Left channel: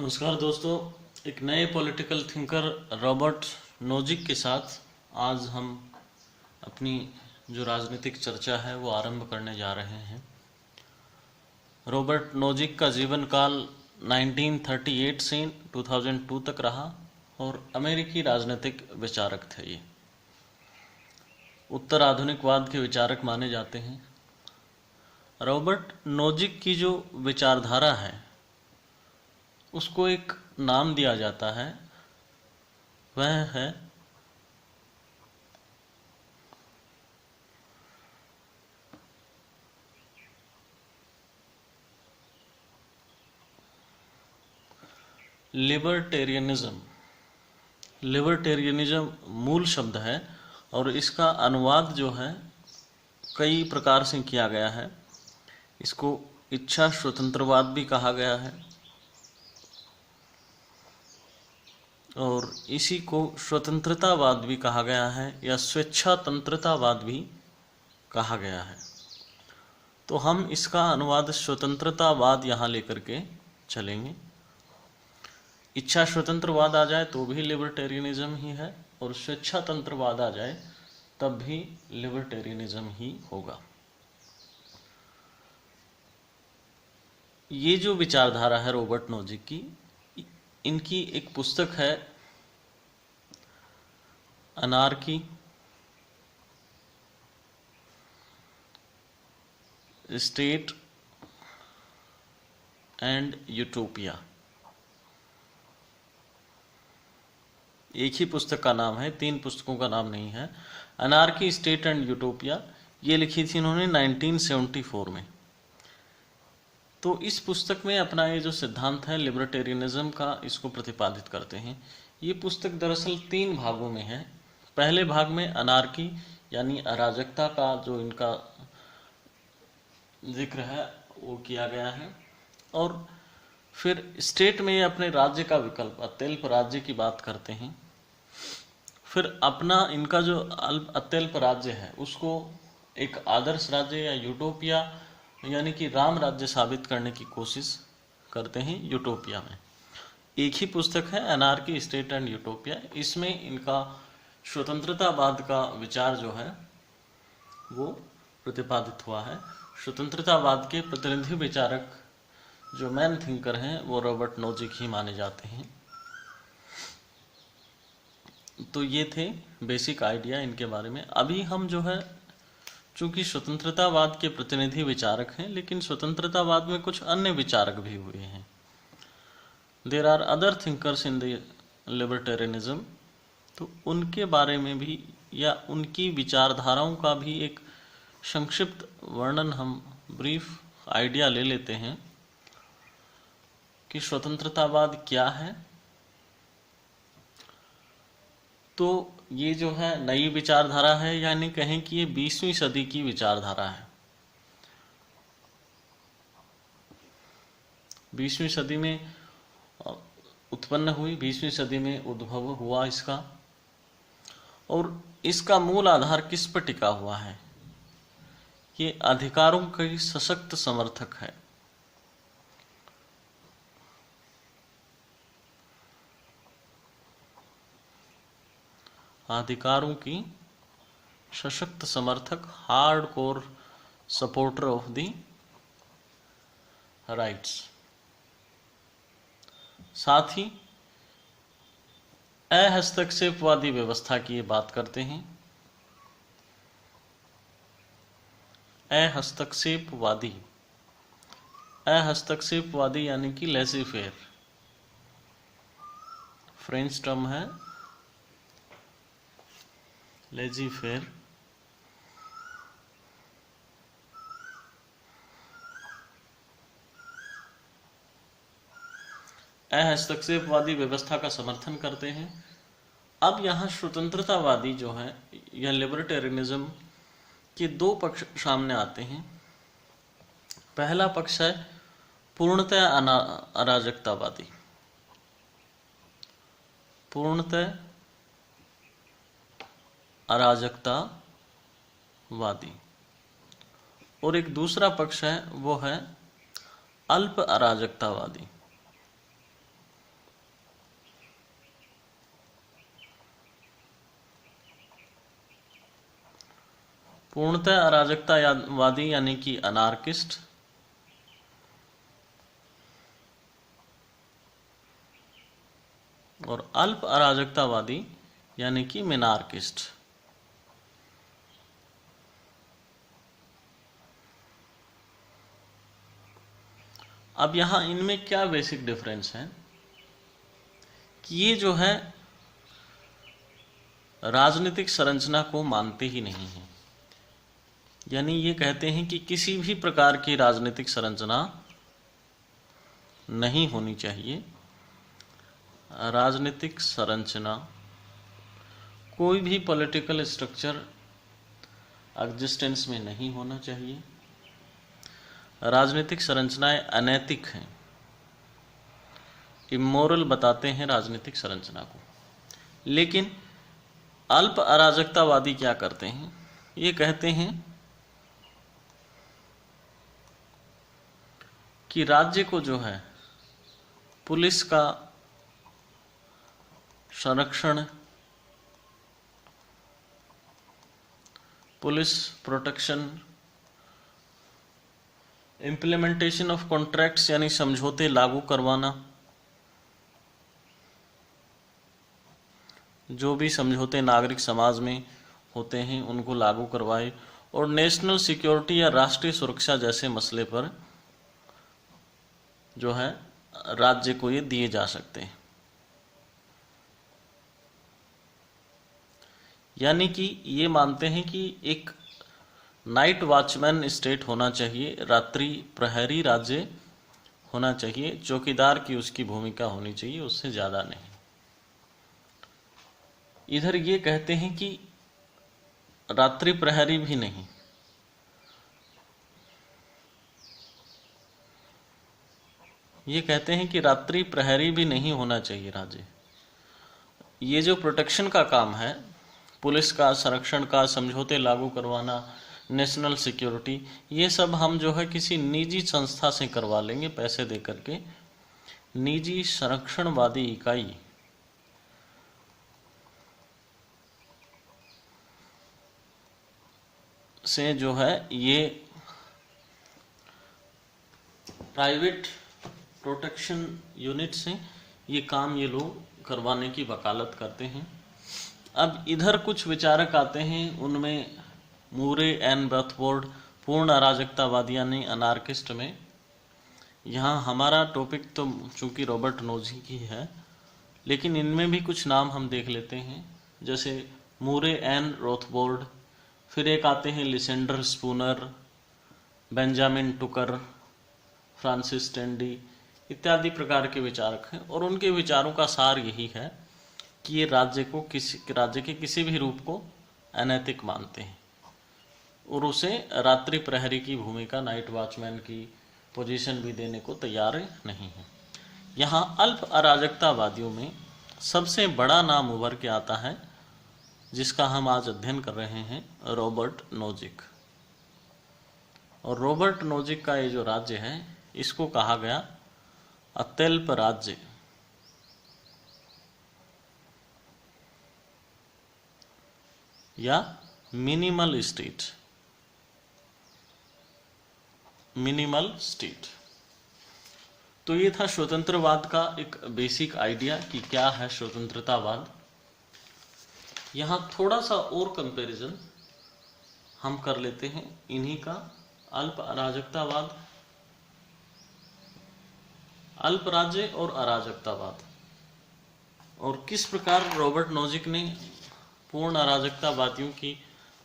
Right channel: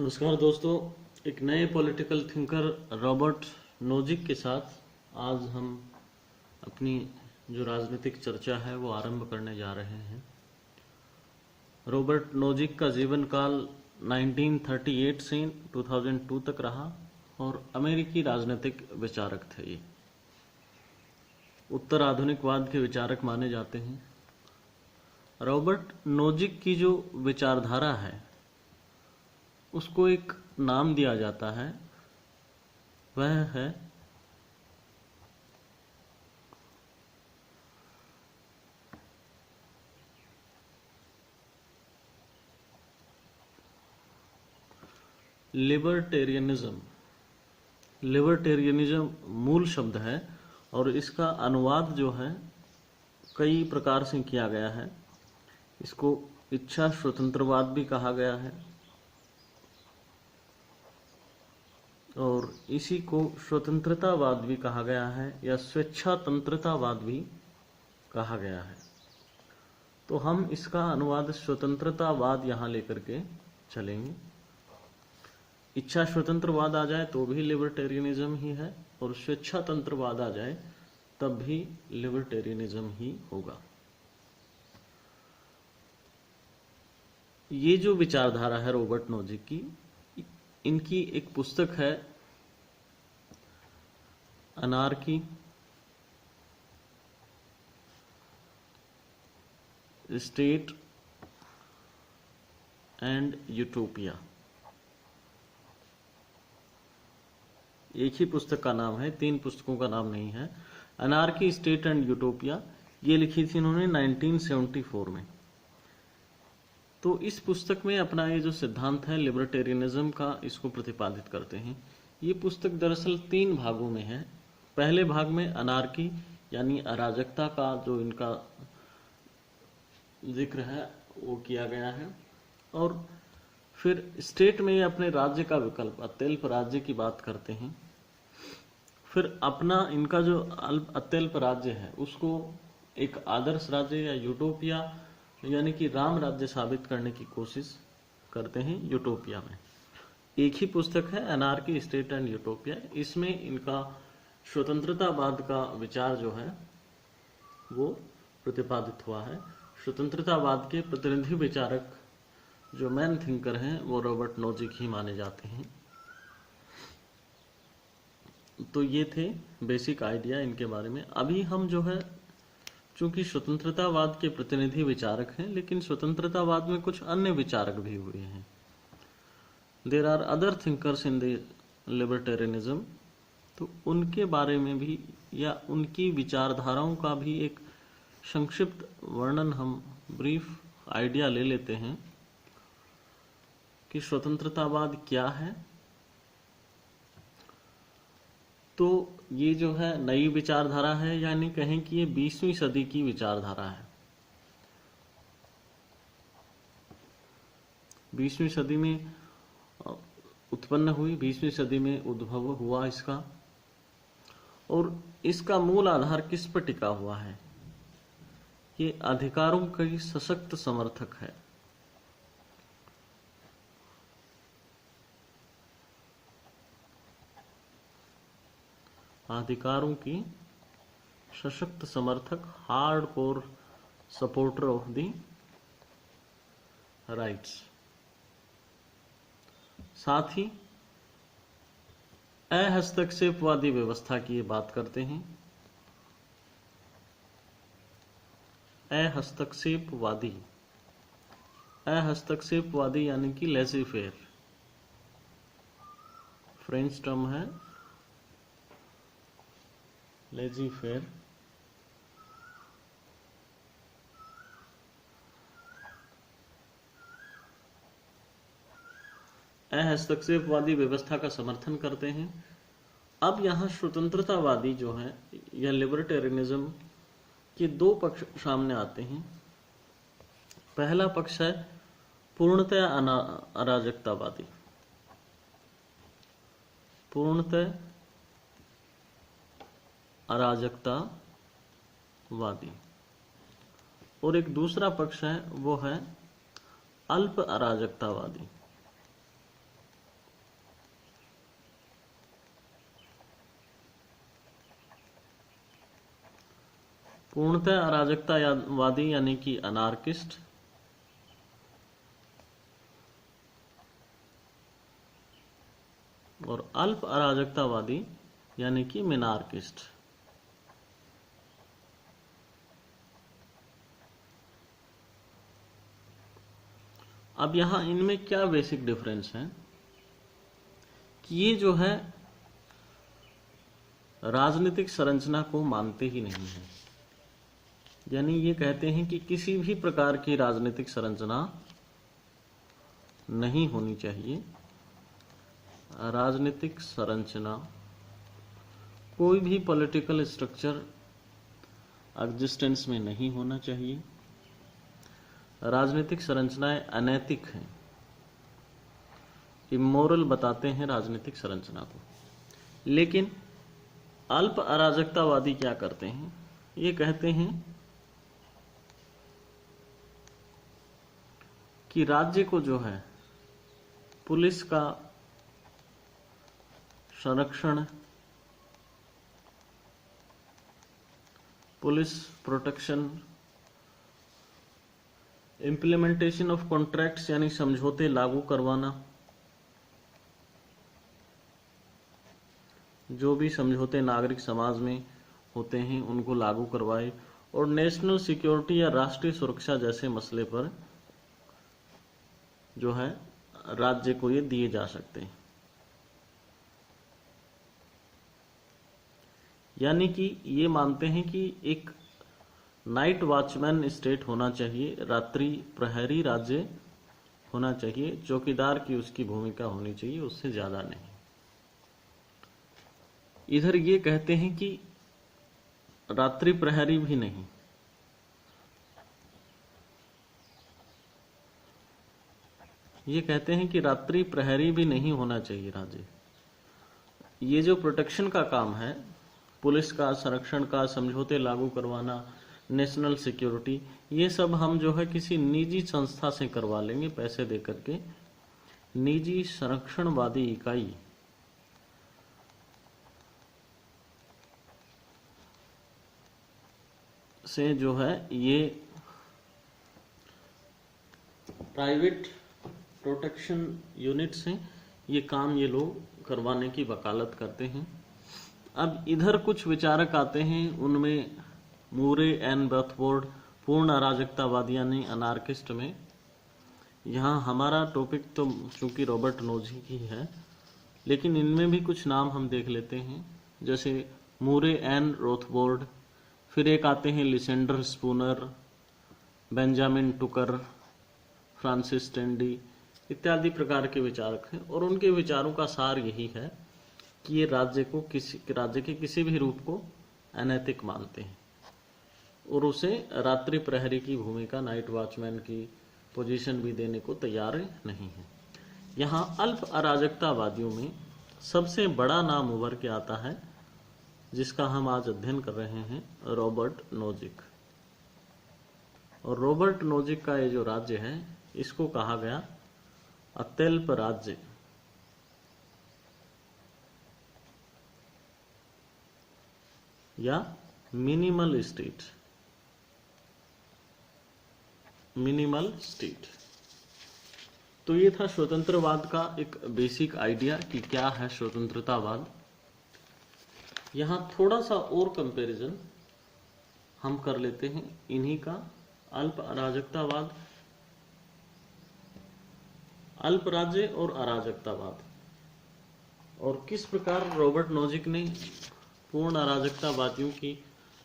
नमस्कार दोस्तों, एक नए पॉलिटिकल थिंकर रॉबर्ट नोजिक के साथ आज हम अपनी जो राजनीतिक चर्चा है वो आरंभ करने जा रहे हैं। रॉबर्ट नोजिक का जीवन काल 1938 से 2002 तक रहा और अमेरिकी राजनीतिक विचारक थे। ये उत्तर आधुनिकवाद के विचारक माने जाते हैं। रॉबर्ट नोजिक की जो विचारधारा है उसको एक नाम दिया जाता है, वह है लिबर्टेरियनिज्म। लिबर्टेरियनिज्म मूल शब्द है और इसका अनुवाद जो है कई प्रकार से किया गया है। इसको इच्छा स्वतंत्रवाद भी कहा गया है और इसी को स्वतंत्रतावाद भी कहा गया है या स्वेच्छातंत्रतावाद भी कहा गया है। तो हम इसका अनुवाद स्वतंत्रतावाद यहाँ लेकर के चलेंगे। इच्छा स्वतंत्रवाद आ जाए तो भी लिबर्टेरियनिज्म ही है और स्वेच्छातंत्रवाद आ जाए तब भी लिबर्टेरियनिज्म ही होगा। ये जो विचारधारा है रॉबर्ट नोजिक की, इनकी एक पुस्तक है अनार्की, स्टेट एंड यूटोपिया। एक ही पुस्तक का नाम है, 3 पुस्तकों का नाम नहीं है। अनार्की, स्टेट एंड यूटोपिया ये लिखी थी इन्होंने 1974 में। तो इस पुस्तक में अपना ये जो सिद्धांत है लिबर्टेरियनिज्म का, इसको प्रतिपादित करते हैं। ये पुस्तक दरअसल 3 भागों में है। पहले भाग में अनार्की यानी अराजकता का जो इनका जिक्र है वो किया गया है और फिर स्टेट में ये अपने राज्य का विकल्प अत्यल्प राज्य की बात करते हैं। फिर अपना इनका जो अत्यल्प राज्य है उसको एक आदर्श राज्य या यूटोपिया यानी कि राम राज्य साबित करने की कोशिश करते हैं यूटोपिया में। एक ही पुस्तक है अनार्की, स्टेट एंड यूटोपिया। इसमें इनका स्वतंत्रतावाद का विचार जो है वो प्रतिपादित हुआ है। स्वतंत्रतावाद के प्रतिनिधि विचारक जो मैन थिंकर हैं वो रॉबर्ट नोजिक ही माने जाते हैं। तो ये थे बेसिक आइडिया इनके बारे में। अभी हम जो है चूंकि स्वतंत्रतावाद के प्रतिनिधि विचारक हैं, लेकिन स्वतंत्रतावाद में कुछ अन्य विचारक भी हुए हैं। There are other thinkers in the libertarianism. तो उनके बारे में भी या उनकी विचारधाराओं का भी एक संक्षिप्त वर्णन, हम ब्रीफ आइडिया ले लेते हैं कि स्वतंत्रतावाद क्या है। तो ये जो है नई विचारधारा है, यानी कहें कि ये 20वीं सदी की विचारधारा है। 20वीं सदी में उत्पन्न हुई, 20वीं सदी में उद्भव हुआ इसका। और इसका मूल आधार किस पर टिका हुआ है? ये अधिकारों की सशक्त समर्थक है। अधिकारों की सशक्त समर्थक, hard core supporter of the rights. साथ ही अहस्तक्षेपवादी व्यवस्था की ये बात करते हैं। अहस्तक्षेपवादी, अहस्तक्षेपवादी यानी कि लेज़ी फेयर, फ्रेंच टर्म है लेज़ी फेयर। अहस्तक्षेपवादी व्यवस्था का समर्थन करते हैं। अब यहाँ स्वतंत्रतावादी जो है या लिबर्टेरियनिज्म के 2 पक्ष सामने आते हैं। पहला पक्ष है पूर्णतः अराजकतावादी, पूर्णतः अराजकतावादी। और एक दूसरा पक्ष है वो है अल्प अराजकतावादी। पूर्णतः अराजकतावादी यानी कि अनार्किस्ट, और अल्प अराजकतावादी यानी कि मिनार्किस्ट। अब यहां इनमें क्या बेसिक डिफरेंस है कि ये जो है राजनीतिक संरचना को मानते ही नहीं है, यानी ये कहते हैं कि किसी भी प्रकार की राजनीतिक संरचना नहीं होनी चाहिए। राजनीतिक संरचना, कोई भी पॉलिटिकल स्ट्रक्चर एग्जिस्टेंस में नहीं होना चाहिए। राजनीतिक संरचनाएं अनैतिक हैं, इमोरल बताते हैं राजनीतिक संरचना को। लेकिन अल्प अराजकतावादी क्या करते हैं, ये कहते हैं कि राज्य को जो है पुलिस का संरक्षण, police protection, implementation of contracts यानी समझौते लागू करवाना, जो भी समझौते नागरिक समाज में होते हैं उनको लागू करवाए, और नेशनल सिक्योरिटी या राष्ट्रीय सुरक्षा जैसे मसले पर जो है राज्य को ये दिए जा सकते हैं। यानी कि ये मानते हैं कि एक नाइट वॉचमैन स्टेट होना चाहिए, रात्रि प्रहरी राज्य होना चाहिए, चौकीदार की उसकी भूमिका होनी चाहिए, उससे ज़्यादा नहीं। इधर ये कहते हैं कि रात्रि प्रहरी भी नहीं, ये कहते हैं कि रात्रि प्रहरी भी नहीं होना चाहिए राज्य। ये जो प्रोटेक्शन का काम है, पुलिस का, संरक्षण का, समझौते लागू करवाना, नेशनल सिक्योरिटी, ये सब हम जो है किसी निजी संस्था से करवा लेंगे पैसे दे करके। निजी संरक्षणवादी इकाई से जो है ये प्राइवेट प्रोटेक्शन यूनिट से ये काम ये लोग करवाने की वकालत करते हैं। अब इधर कुछ विचारक आते हैं, उनमें मूरे एन रथफोर्ड, पूर्ण अराजकतावादी यानी अनार्किस्ट में। यहाँ हमारा टॉपिक तो चूंकि रॉबर्ट नोजी की है, लेकिन इनमें भी कुछ नाम हम देख लेते हैं, जैसे मूरे एन रोथबोर्ड, फिर एक आते हैं लिसेंडर स्पूनर, बेंजामिन टुकर, फ्रांसिस टेंडी इत्यादि प्रकार के विचारक हैं। और उनके विचारों का सार यही है कि ये राज्य के किसी भी रूप को अनैतिक मानते हैं और उसे रात्रि प्रहरी की भूमिका, नाइट वॉचमैन की पोजीशन भी देने को तैयार नहीं है। यहाँ अल्प अराजकतावादियों में सबसे बड़ा नाम उभर के आता है, जिसका हम आज अध्ययन कर रहे हैं, रॉबर्ट नोजिक। और रॉबर्ट नोजिक का ये जो राज्य है, इसको कहा गया अत्यल्प राज्य या मिनिमल स्टेट। Minimal state. तो ये था स्वतंत्रवाद का एक बेसिक आइडिया कि क्या है स्वतंत्रतावाद। यहाँ थोड़ा सा और कंपैरिजन हम कर लेते हैं इन्हीं का, अल्प अराजकतावाद, अल्प राज्य और अराजकतावाद, और किस प्रकार रॉबर्ट नोजिक ने पूर्ण अराजकतावादियों की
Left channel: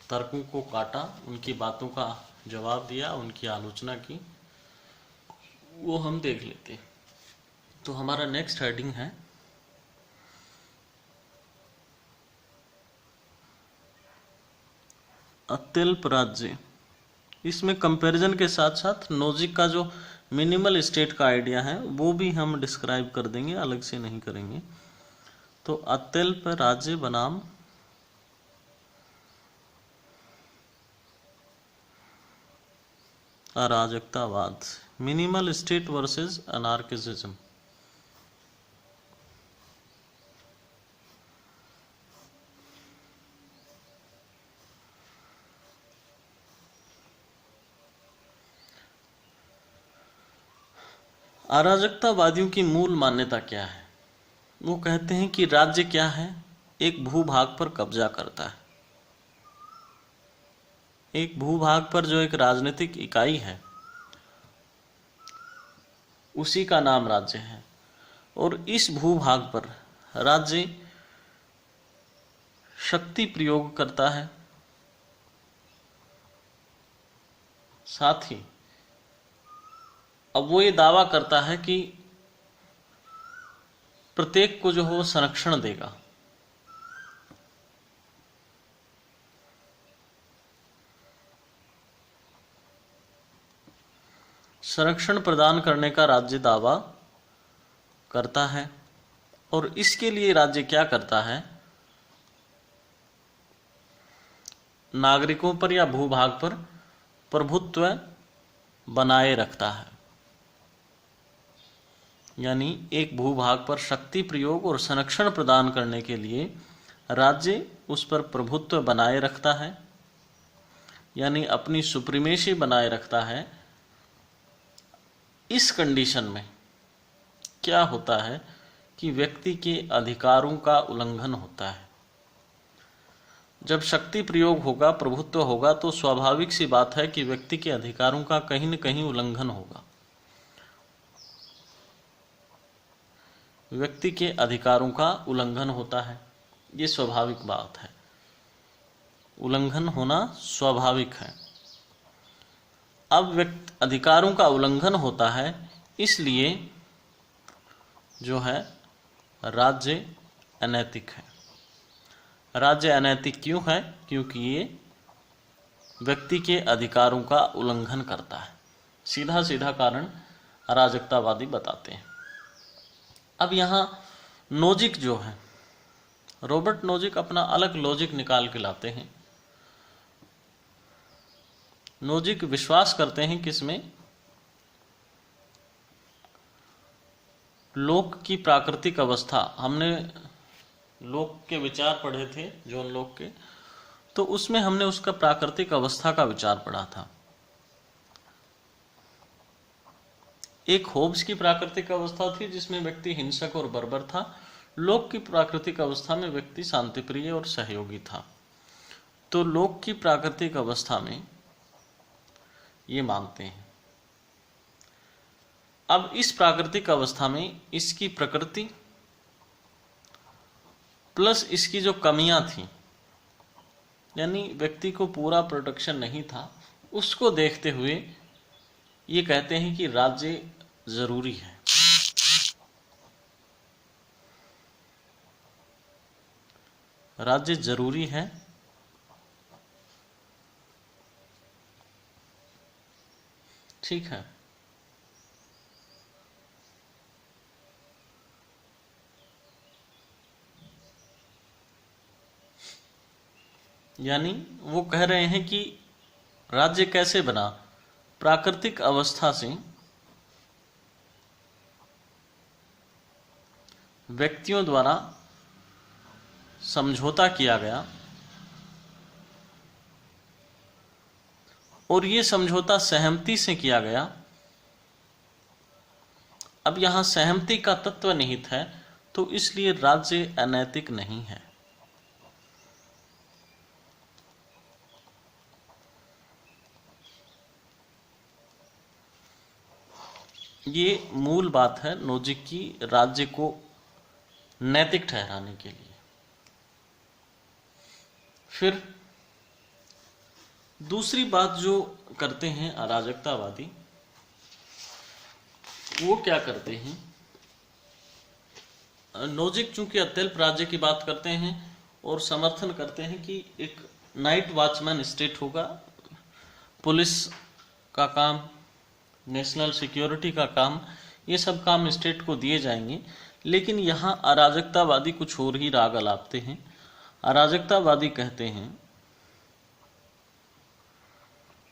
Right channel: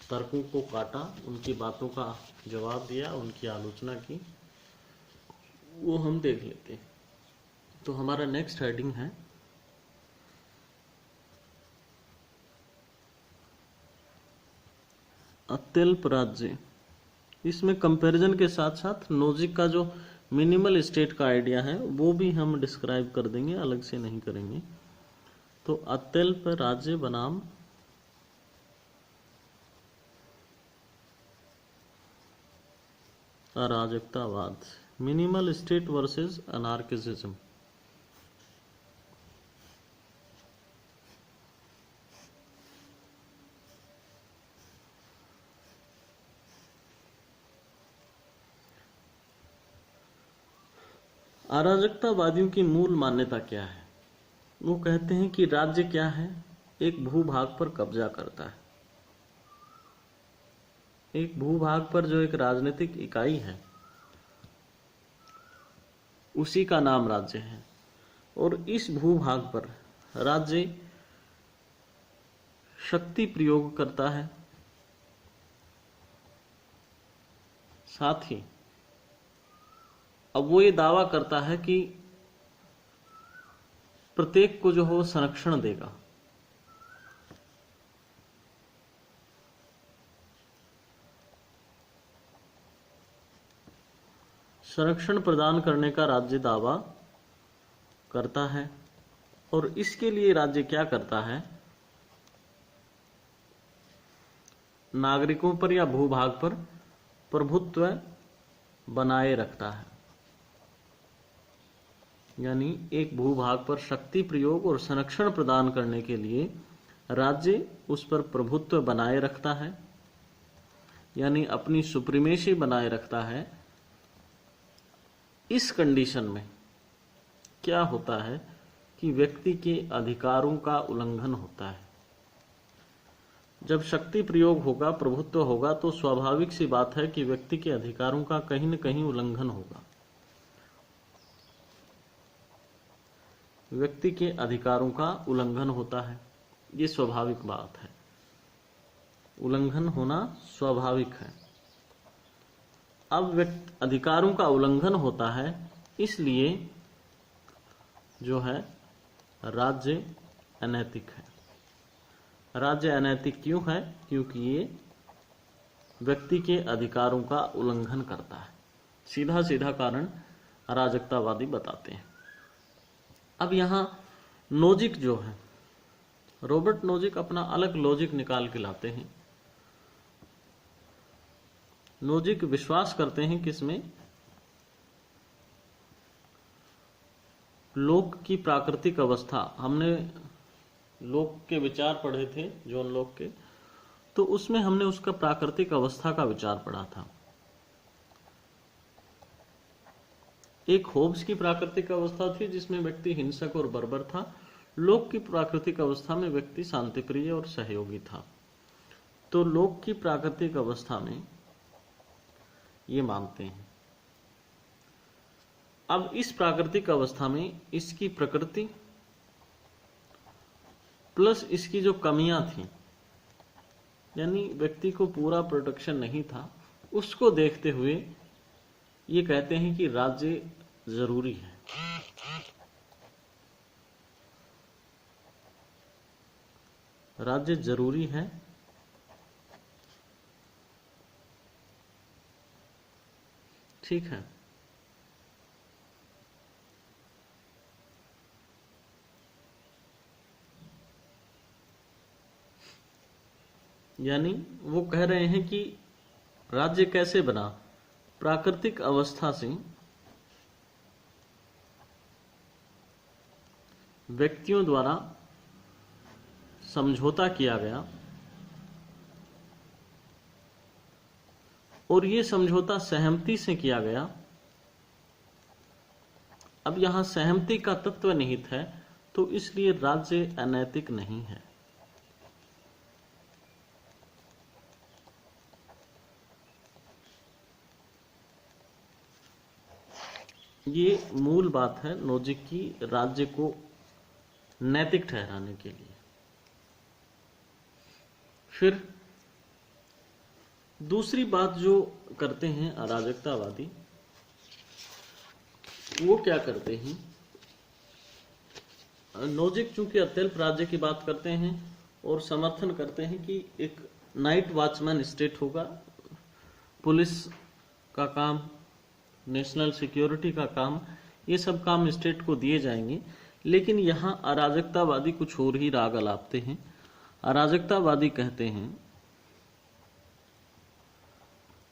तर्कों को काटा, उनकी बातों का जवाब दिया, उनकी आलोचना की, वो हम देख लेते हैं। तो हमारा नेक्स्ट हेडिंग है अत्यल्प राज्य। इसमें कंपैरिजन के साथ साथ नोजिक का जो मिनिमल स्टेट का आइडिया है वो भी हम डिस्क्राइब कर देंगे, अलग से नहीं करेंगे। तो अत्यल्प राज्य बनाम अराजकतावाद, मिनिमल स्टेट वर्सेस अनार्किसिज्म। अराजकतावादियों की मूल मान्यता क्या है? वो कहते हैं कि राज्य क्या है? एक भूभाग पर कब्जा करता है। एक भूभाग पर जो एक राजनीतिक इकाई है उसी का नाम राज्य है, और इस भूभाग पर राज्य शक्ति प्रयोग करता है। साथ ही अब वो ये दावा करता है कि प्रत्येक को जो हो संरक्षण देगा। संरक्षण प्रदान करने का राज्य दावा करता है, और इसके लिए राज्य क्या करता है? नागरिकों पर या भूभाग पर प्रभुत्व बनाए रखता है। यानी एक भूभाग पर शक्ति प्रयोग और संरक्षण प्रदान करने के लिए राज्य उस पर प्रभुत्व बनाए रखता है, यानी अपनी सुप्रीमेसी बनाए रखता है। इस कंडीशन में क्या होता है कि व्यक्ति के अधिकारों का उल्लंघन होता है। जब शक्ति प्रयोग होगा, प्रभुत्व होगा, तो स्वाभाविक सी बात है कि व्यक्ति के अधिकारों का कहीं न कहीं उल्लंघन होगा। व्यक्ति के अधिकारों का उल्लंघन होता है, ये स्वाभाविक बात है। उल्लंघन होना स्वाभाविक है। अब व्यक्ति अधिकारों का उल्लंघन होता है, इसलिए जो है राज्य अनैतिक है। राज्य अनैतिक क्यों है? क्योंकि ये व्यक्ति के अधिकारों का उल्लंघन करता है। सीधा सीधा कारण अराजकतावादी बताते हैं। अब यहाँ नोजिक जो है, रॉबर्ट नोजिक अपना अलग लॉजिक निकाल के लाते हैं। नोजिक विश्वास करते हैं किसमें? लोक की प्राकृतिक अवस्था। हमने लोक के विचार पढ़े थे, जॉन लोक के, तो उसमें हमने उसका प्राकृतिक अवस्था का विचार पढ़ा था। एक होब्स की प्राकृतिक अवस्था थी जिसमें व्यक्ति हिंसक और बर्बर था। लोक की प्राकृतिक अवस्था में व्यक्ति शांतिप्रिय और सहयोगी था। तो लोक की प्राकृतिक अवस्था में ये मानते हैं। अब इस प्राकृतिक अवस्था में इसकी प्रकृति प्लस इसकी जो कमियां थी, यानी व्यक्ति को पूरा प्रोटेक्शन नहीं था, उसको देखते हुए ये कहते हैं कि राज्य जरूरी है। राज्य जरूरी है। ठीक है। यानी वो कह रहे हैं कि राज्य कैसे बना? प्राकृतिक अवस्था से व्यक्तियों द्वारा समझौता किया गया, और ये समझौता सहमति से किया गया। अब यहां सहमति का तत्व निहित है, तो इसलिए राज्य अनैतिक नहीं है। ये मूल बात है नोजिक की, राज्य को नैतिक ठहराने के लिए। फिर दूसरी बात जो करते हैं अराजकतावादी, वो क्या करते हैं? नोजिक चूंकि अत्यल्प राज्य की बात करते हैं और समर्थन करते हैं कि एक नाइट वॉचमैन स्टेट होगा, पुलिस का काम, नेशनल सिक्योरिटी का काम, ये सब काम स्टेट को दिए जाएंगे। लेकिन यहाँ अराजकतावादी कुछ और ही राग अलापते हैं। अराजकतावादी कहते हैं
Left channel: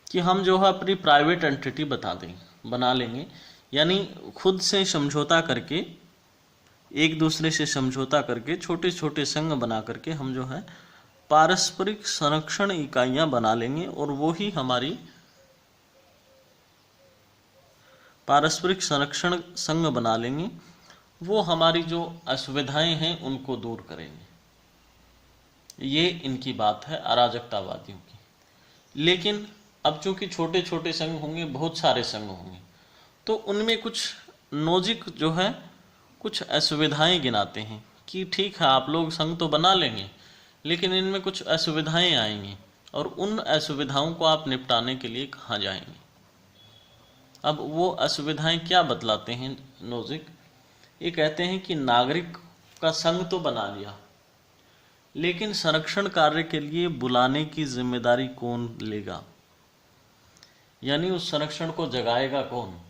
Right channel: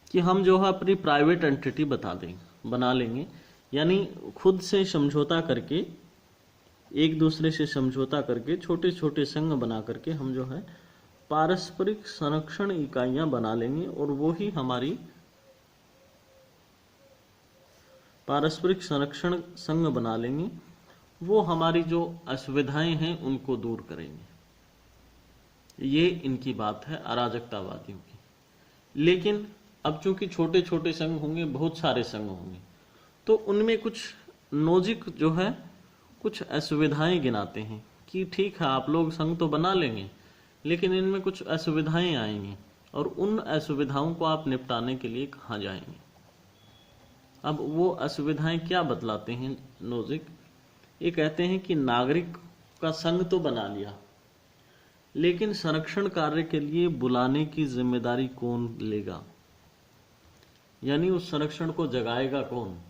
कि हम जो है अपनी प्राइवेट एंटिटी बना लेंगे, यानी खुद से समझौता करके, एक दूसरे से समझौता करके, छोटे छोटे संघ बना करके हम जो है पारस्परिक संरक्षण इकाइयां बना लेंगे, और वो ही हमारी पारस्परिक संरक्षण संघ बना लेंगे, वो हमारी जो असुविधाएं हैं उनको दूर करेंगे। ये इनकी बात है अराजकतावादियों की। लेकिन अब चूंकि छोटे छोटे संघ होंगे, बहुत सारे संघ होंगे, तो उनमें कुछ नोजिक जो है कुछ असुविधाएं गिनाते हैं कि ठीक है आप लोग संघ तो बना लेंगे, लेकिन इनमें कुछ असुविधाएं आएंगी और उन असुविधाओं को आप निपटाने के लिए कहाँ जाएंगे। अब वो असुविधाएं क्या बतलाते हैं नोजिक? ये कहते हैं कि नागरिक का संघ तो बना लिया, लेकिन संरक्षण कार्य के लिए बुलाने की जिम्मेदारी कौन लेगा, यानी उस संरक्षण को जगाएगा कौन?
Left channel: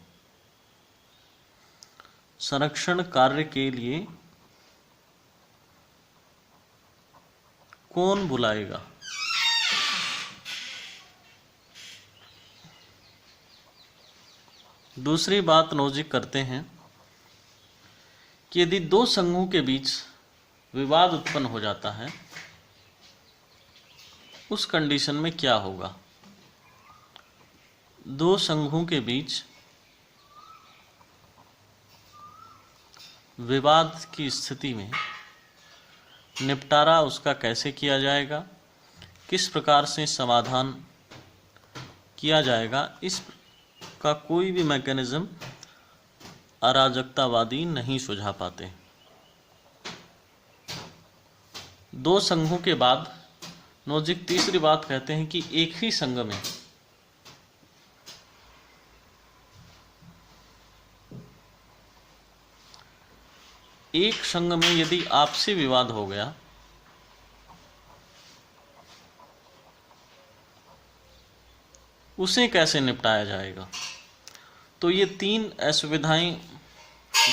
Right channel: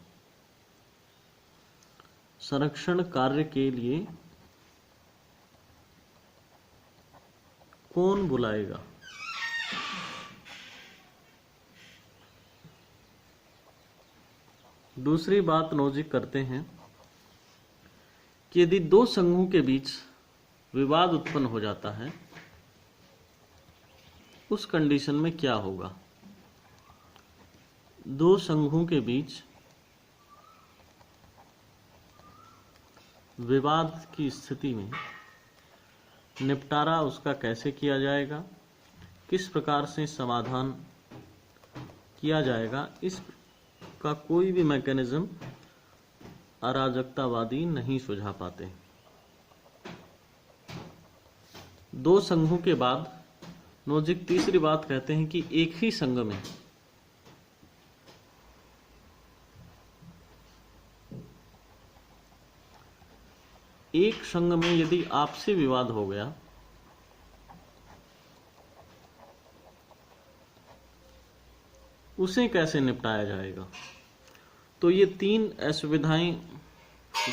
संरक्षण कार्य के लिए कौन बुलाएगा? दूसरी बात नोजिक करते हैं कि यदि दो संघों के बीच विवाद उत्पन्न हो जाता है, उस कंडीशन में क्या होगा? दो संघों के बीच विवाद की स्थिति में निपटारा उसका कैसे किया जाएगा, किस प्रकार से समाधान किया जाएगा, इसका कोई भी मैकेनिज्म अराजकतावादी नहीं सुझा पाते। दो संघों के बाद नोजिक तीसरी बात कहते हैं कि एक ही संघ में यदि आपसी विवाद हो गया उसे कैसे निपटाया जाएगा। तो ये तीन असुविधाएं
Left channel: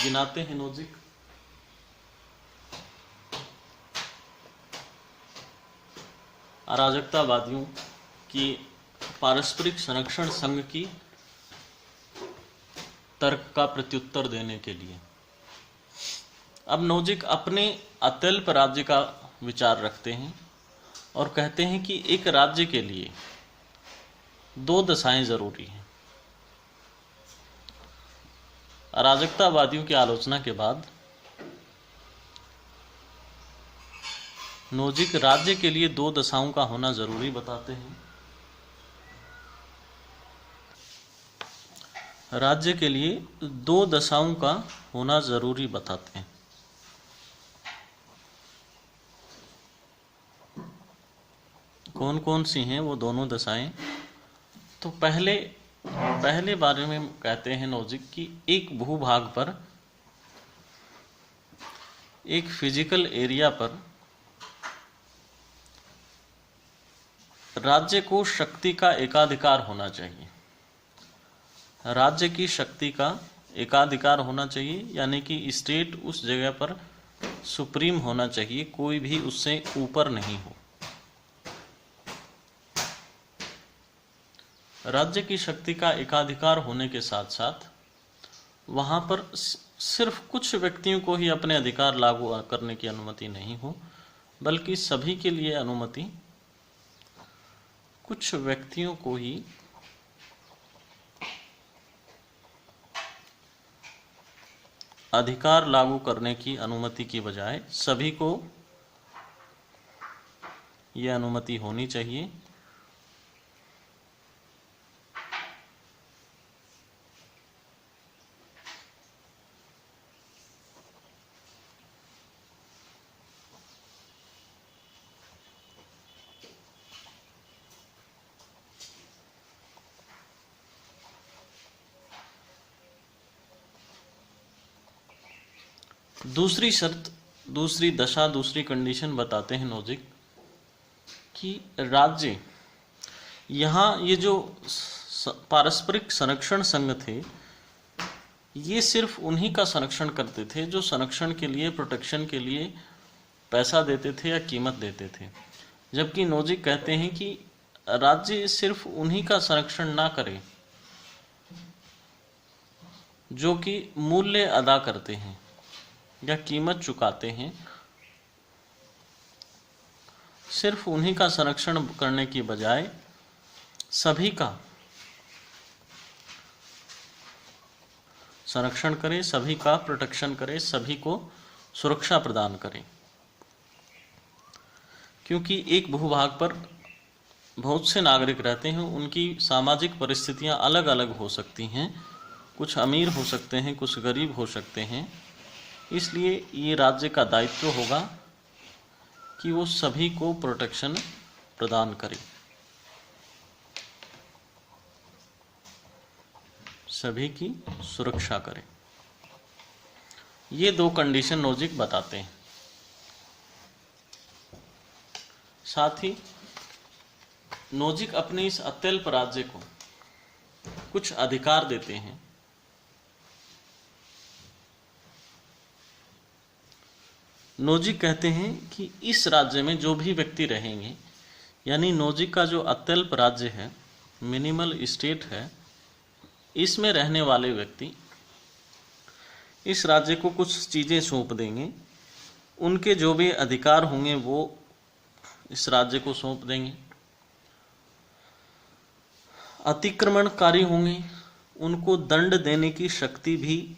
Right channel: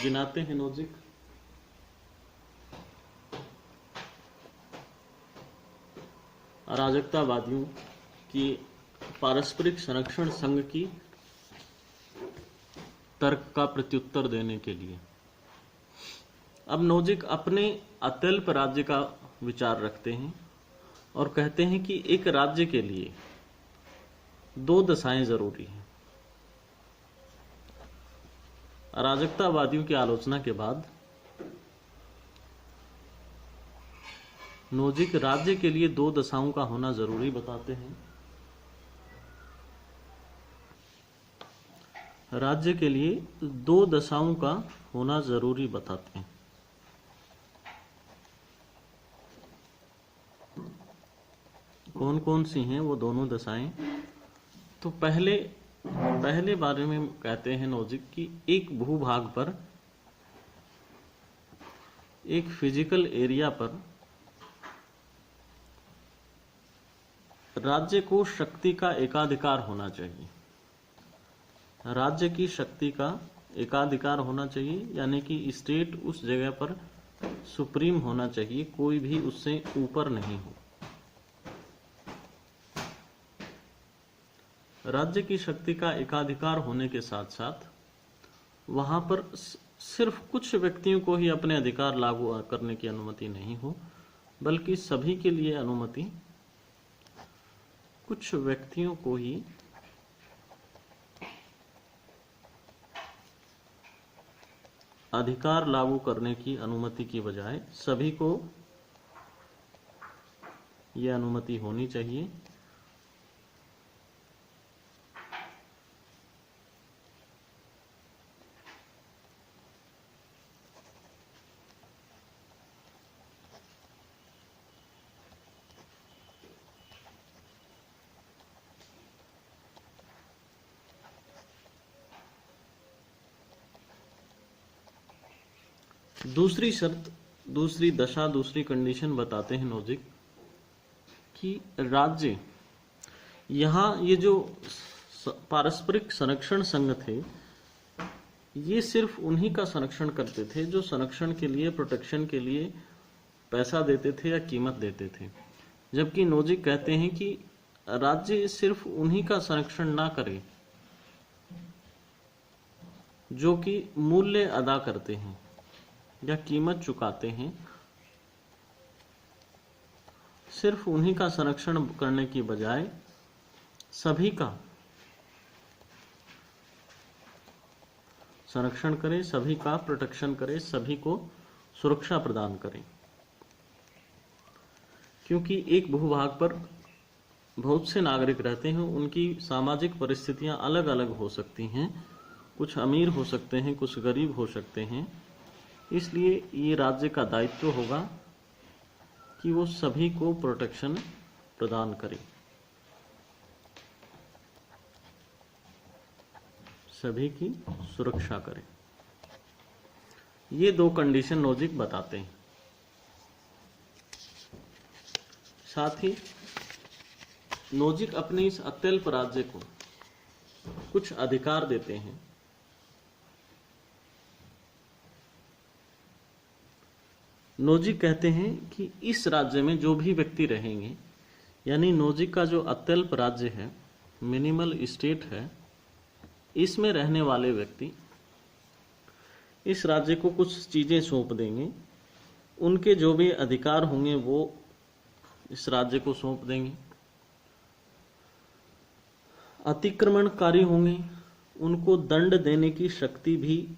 गिनाते हैं नोजिक। अराजकतावादियों की पारस्परिक संरक्षण संघ की तर्क का प्रत्युत्तर देने के लिए अब नोजिक अपने अत्यल्प राज्य का विचार रखते हैं और कहते हैं कि एक राज्य के लिए दो दशाएं जरूरी हैं। अराजकतावादियों की आलोचना के बाद नोजिक राज्य के लिए दो दशाओं का होना जरूरी बताते हैं। राज्य के लिए दो दशाओं का होना जरूरी बताते हैं। कौन कौन सी हैं वो दोनों दशाएं? तो पहले बारे में कहते हैं नोजिक कि एक भूभाग पर, एक फिजिकल एरिया पर राज्य को शक्ति का एकाधिकार होना चाहिए। राज्य की शक्ति का एकाधिकार होना चाहिए, यानी कि स्टेट उस जगह पर सुप्रीम होना चाहिए, कोई भी उससे ऊपर नहीं हो। राज्य की शक्ति का एकाधिकार होने के साथ साथ वहां पर सिर्फ कुछ व्यक्तियों को ही अपने अधिकार लागू करने की अनुमति नहीं हो, बल्कि सभी के लिए अनुमति कुछ व्यक्तियों को ही अधिकार लागू करने की अनुमति की बजाय सभी को यह अनुमति होनी चाहिए। दूसरी शर्त, दूसरी दशा, दूसरी कंडीशन बताते हैं नोजिक कि राज्य, यहाँ ये जो पारस्परिक संरक्षण संघ थे ये सिर्फ उन्हीं का संरक्षण करते थे जो संरक्षण के लिए, प्रोटेक्शन के लिए पैसा देते थे या कीमत देते थे। जबकि नोजिक कहते हैं कि राज्य सिर्फ उन्हीं का संरक्षण ना करे जो कि मूल्य अदा करते हैं या कीमत चुकाते हैं। सिर्फ उन्हीं का संरक्षण करने की बजाय सभी का संरक्षण करे, सभी का प्रोटेक्शन करे, सभी को सुरक्षा प्रदान करे। क्योंकि एक भूभाग पर बहुत से नागरिक रहते हैं, उनकी सामाजिक परिस्थितियां अलग अलग हो सकती हैं, कुछ अमीर हो सकते हैं, कुछ गरीब हो सकते हैं। इसलिए ये राज्य का दायित्व होगा कि वो सभी को प्रोटेक्शन प्रदान करे, सभी की सुरक्षा करे। ये 2 कंडीशन नोजिक बताते हैं। साथ ही नोजिक अपने इस अत्यल्प राज्य को कुछ अधिकार देते हैं। नोजिक कहते हैं कि इस राज्य में जो भी व्यक्ति रहेंगे, यानी नोजिक का जो अत्यल्प राज्य है, मिनिमल स्टेट है, इसमें रहने वाले व्यक्ति इस राज्य को कुछ चीज़ें सौंप देंगे। उनके जो भी अधिकार होंगे वो इस राज्य को सौंप देंगे। अतिक्रमणकारी होंगे, उनको दंड देने की शक्ति भी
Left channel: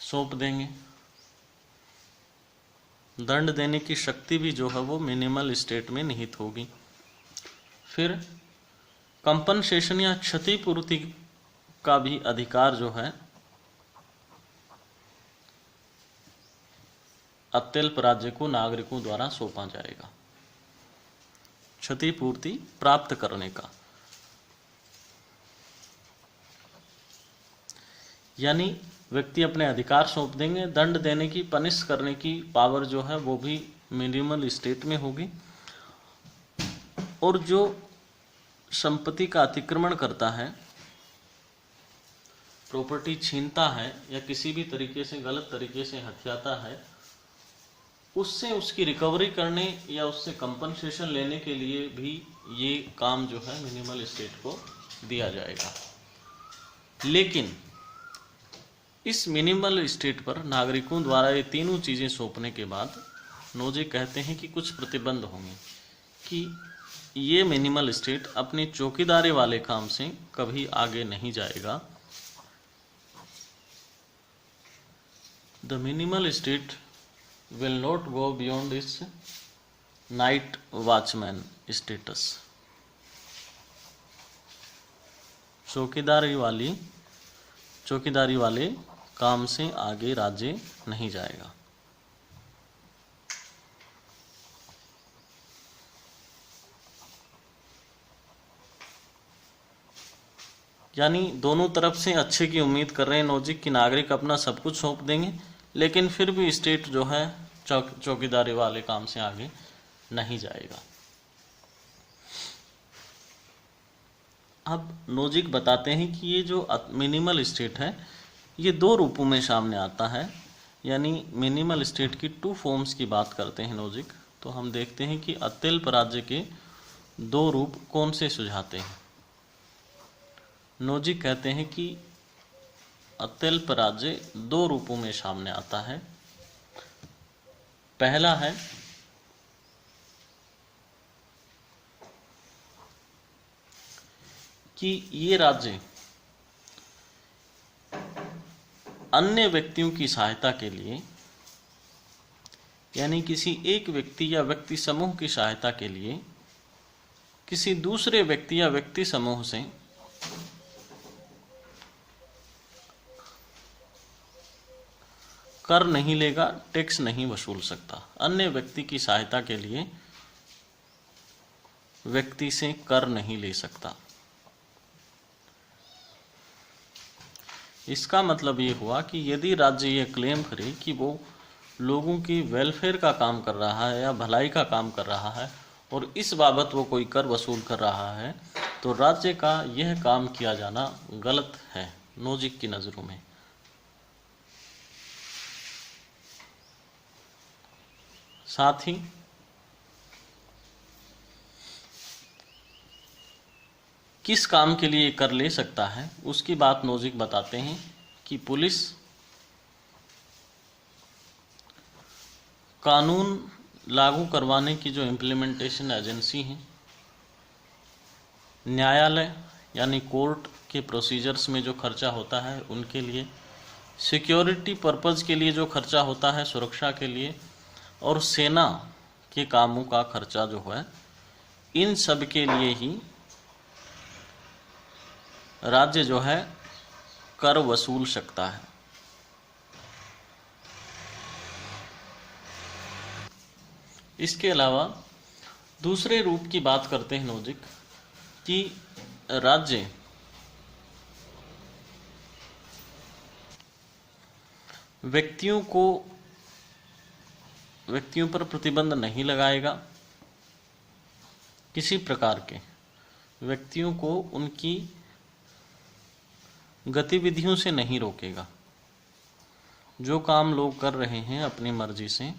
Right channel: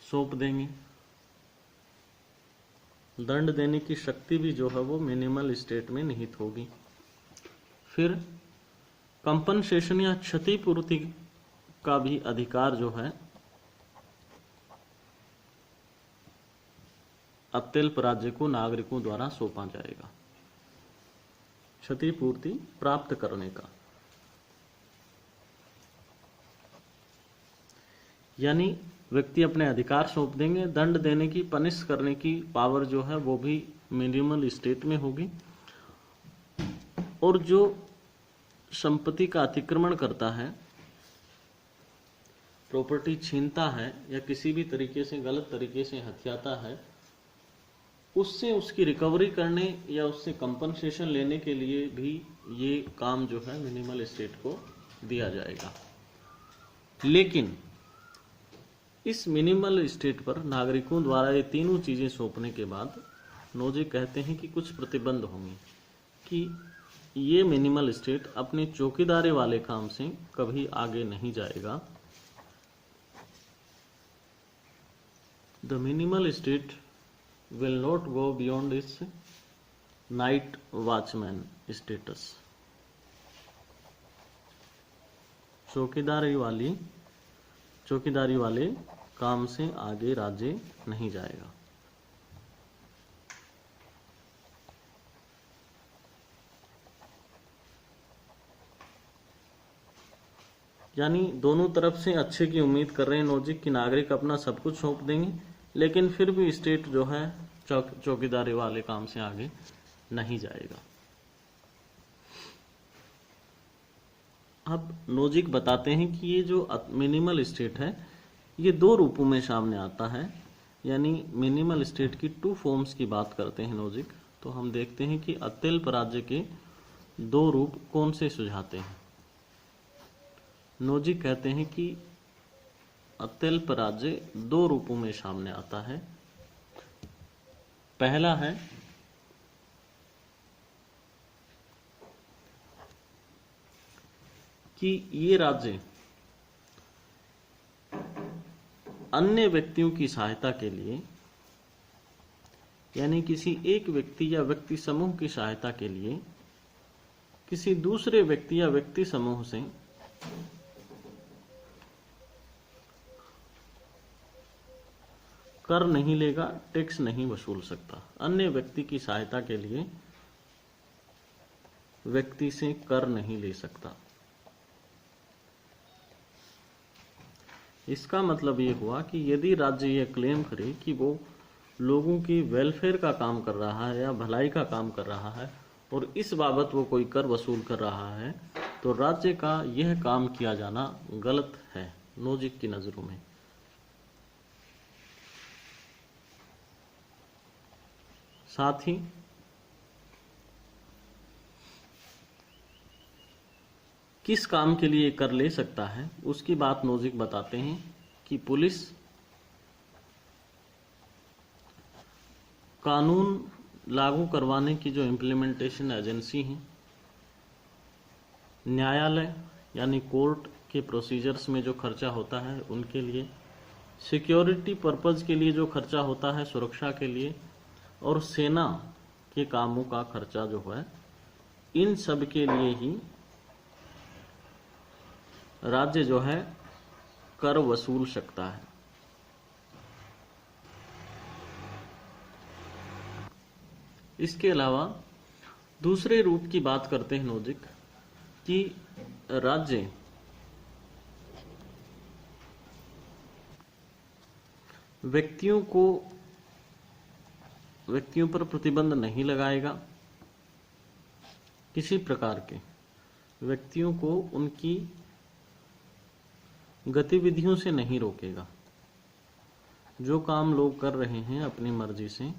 सौंप देंगे। दंड देने की शक्ति भी जो है वो मिनिमल स्टेट में निहित होगी। फिर कंपनसेशन या क्षतिपूर्ति का भी अधिकार जो है अत्यल्प राज्य को नागरिकों द्वारा सौंपा जाएगा, क्षतिपूर्ति प्राप्त करने का। यानी व्यक्ति अपने अधिकार सौंप देंगे, दंड देने की, पनिश करने की पावर जो है वो भी मिनिमल स्टेट में होगी। और जो संपत्ति का अतिक्रमण करता है, प्रॉपर्टी छीनता है या किसी भी तरीके से गलत तरीके से हथियाता है, उससे उसकी रिकवरी करने या उससे कंपनसेशन लेने के लिए भी ये काम जो है मिनिमल स्टेट को दिया जाएगा। लेकिन इस मिनिमल स्टेट पर नागरिकों द्वारा ये तीनों चीज़ें सौंपने के बाद नोजिक कहते हैं कि कुछ प्रतिबंध होंगे कि ये मिनिमल स्टेट अपनी चौकीदारी वाले काम से कभी आगे नहीं जाएगा। The minimal state will not go beyond its night watchman status। चौकीदारी वाले काम से आगे राज्य नहीं जाएगा। यानी दोनों तरफ से अच्छे की उम्मीद कर रहे हैं नोजिक कि नागरिक अपना सब कुछ सौंप देंगे, लेकिन फिर भी स्टेट जो है चौकीदारी वाले काम से आगे नहीं जाएगा। अब नोजिक बताते हैं कि ये जो मिनिमल स्टेट है ये 2 रूपों में सामने आता है। यानी मिनिमल स्टेट की 2 फॉर्म्स की बात करते हैं नोजिक। तो हम देखते हैं कि अत्यल्प राज्य के 2 रूप कौन से सुझाते हैं। नोजिक कहते हैं कि अत्यल्प राज्य 2 रूपों में सामने आता है। पहला है कि ये राज्य अन्य व्यक्तियों की सहायता के लिए, यानी किसी एक व्यक्ति या व्यक्ति समूह की सहायता के लिए किसी दूसरे व्यक्ति या व्यक्ति समूह से कर नहीं लेगा, टैक्स नहीं वसूल सकता। अन्य व्यक्ति की सहायता के लिए व्यक्ति से कर नहीं ले सकता। इसका मतलब ये हुआ कि यदि राज्य ये क्लेम करे कि वो लोगों की वेलफेयर का काम कर रहा है या भलाई का काम कर रहा है और इस बाबत वो कोई कर वसूल कर रहा है, तो राज्य का यह काम किया जाना गलत है नोजिक की नज़रों में। साथ ही किस काम के लिए कर ले सकता है उसकी बात नोजिक बताते हैं कि पुलिस, कानून लागू करवाने की जो इम्प्लीमेंटेशन एजेंसी है, न्यायालय यानी कोर्ट के प्रोसीजर्स में जो खर्चा होता है उनके लिए, सिक्योरिटी पर्पज़ के लिए जो खर्चा होता है सुरक्षा के लिए, और सेना के कामों का खर्चा जो है, इन सब के लिए ही राज्य जो है कर वसूल सकता है। इसके अलावा दूसरे रूप की बात करते हैं नोजिक कि राज्य व्यक्तियों पर प्रतिबंध नहीं लगाएगा, किसी प्रकार के व्यक्तियों को उनकी गतिविधियों से नहीं रोकेगा। जो काम लोग कर रहे हैं अपनी मर्जी से,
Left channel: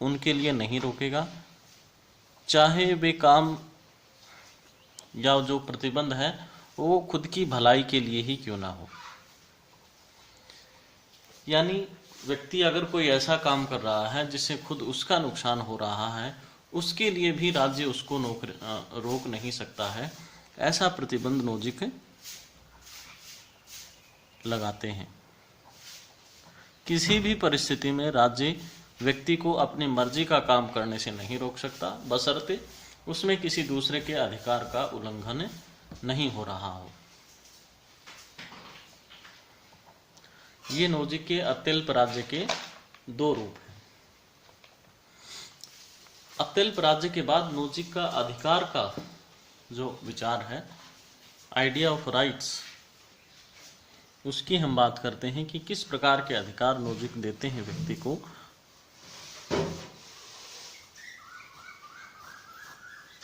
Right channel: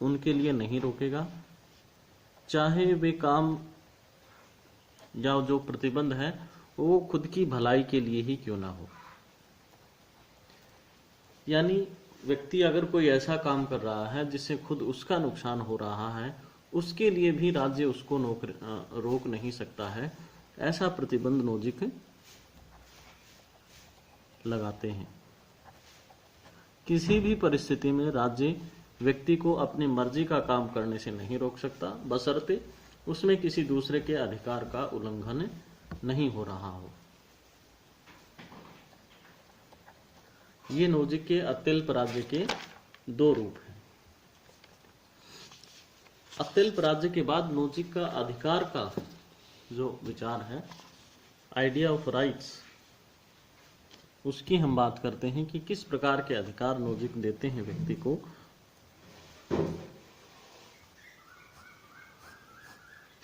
उनके लिए नहीं रोकेगा, चाहे वे काम या जो प्रतिबंध है वो खुद की भलाई के लिए ही क्यों ना हो। यानी व्यक्ति अगर कोई ऐसा काम कर रहा है जिससे खुद उसका नुकसान हो रहा है, उसके लिए भी राज्य उसको रोक नहीं सकता है। ऐसा प्रतिबंध नोजिक लगाते हैं। किसी भी परिस्थिति में राज्य व्यक्ति को अपनी मर्जी का काम करने से नहीं रोक सकता, बशर्ते उसमें किसी दूसरे के अधिकार का उल्लंघन नहीं हो रहा हो। ये नोजिक के अत्यल्प राज्य के दो रूप हैं। अत्यल्प राज्य के बाद नोजिक का अधिकार का जो विचार है, आइडिया ऑफ राइट्स, उसकी हम बात करते हैं कि किस प्रकार के अधिकार नोजिक देते हैं व्यक्ति को।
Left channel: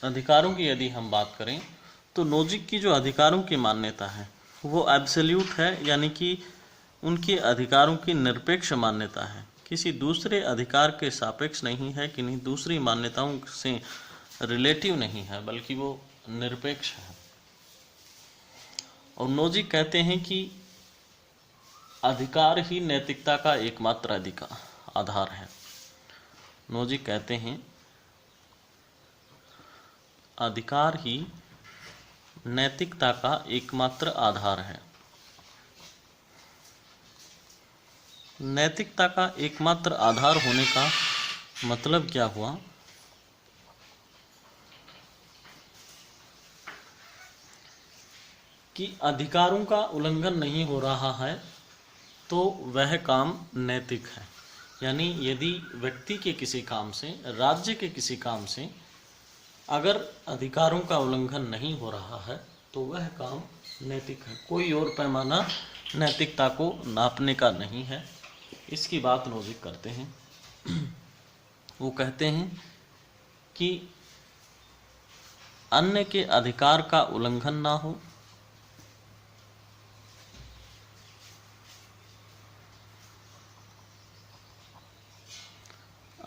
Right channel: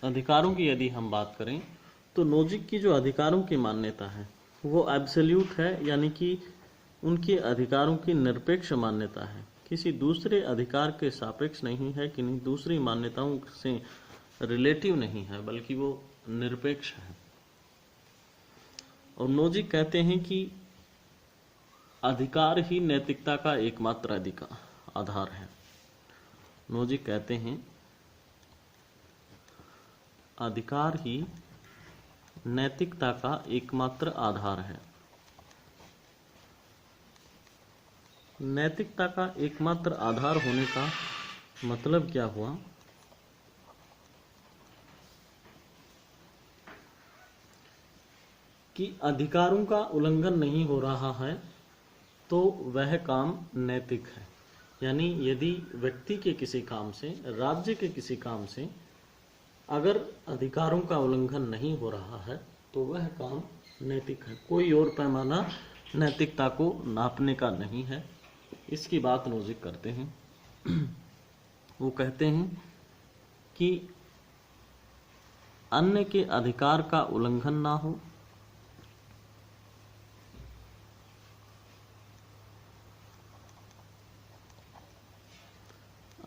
अधिकारों की यदि हम बात करें तो नोजिक की जो अधिकारों की मान्यता है वो एब्सोल्यूट है, यानी कि उनके अधिकारों की निरपेक्ष मान्यता है, किसी दूसरे अधिकार के सापेक्ष नहीं है, किन्हीं दूसरी मान्यताओं से रिलेटिव नहीं है, बल्कि वो निरपेक्ष है। और नोजिक कहते हैं कि अधिकार ही नैतिकता का एकमात्र आधार है। नोजिक कहते हैं अधिकार ही नैतिकता का एकमात्र आधार है। नैतिकता का एकमात्र आधार होने का मतलब क्या हुआ कि अधिकारों का उल्लंघन नहीं हो रहा है तो वह काम नैतिक है। यानी यदि व्यक्ति के किसी काम से, राज्य के किसी काम से अगर अधिकारों का उल्लंघन नहीं हो रहा है तो वह काम नैतिक है। कोई और पैमाना नैतिकता को नापने का नहीं है। इसकी बात नोजिक करते हैं। वो कहते हैं कि अन्य के अधिकार का उल्लंघन ना हो,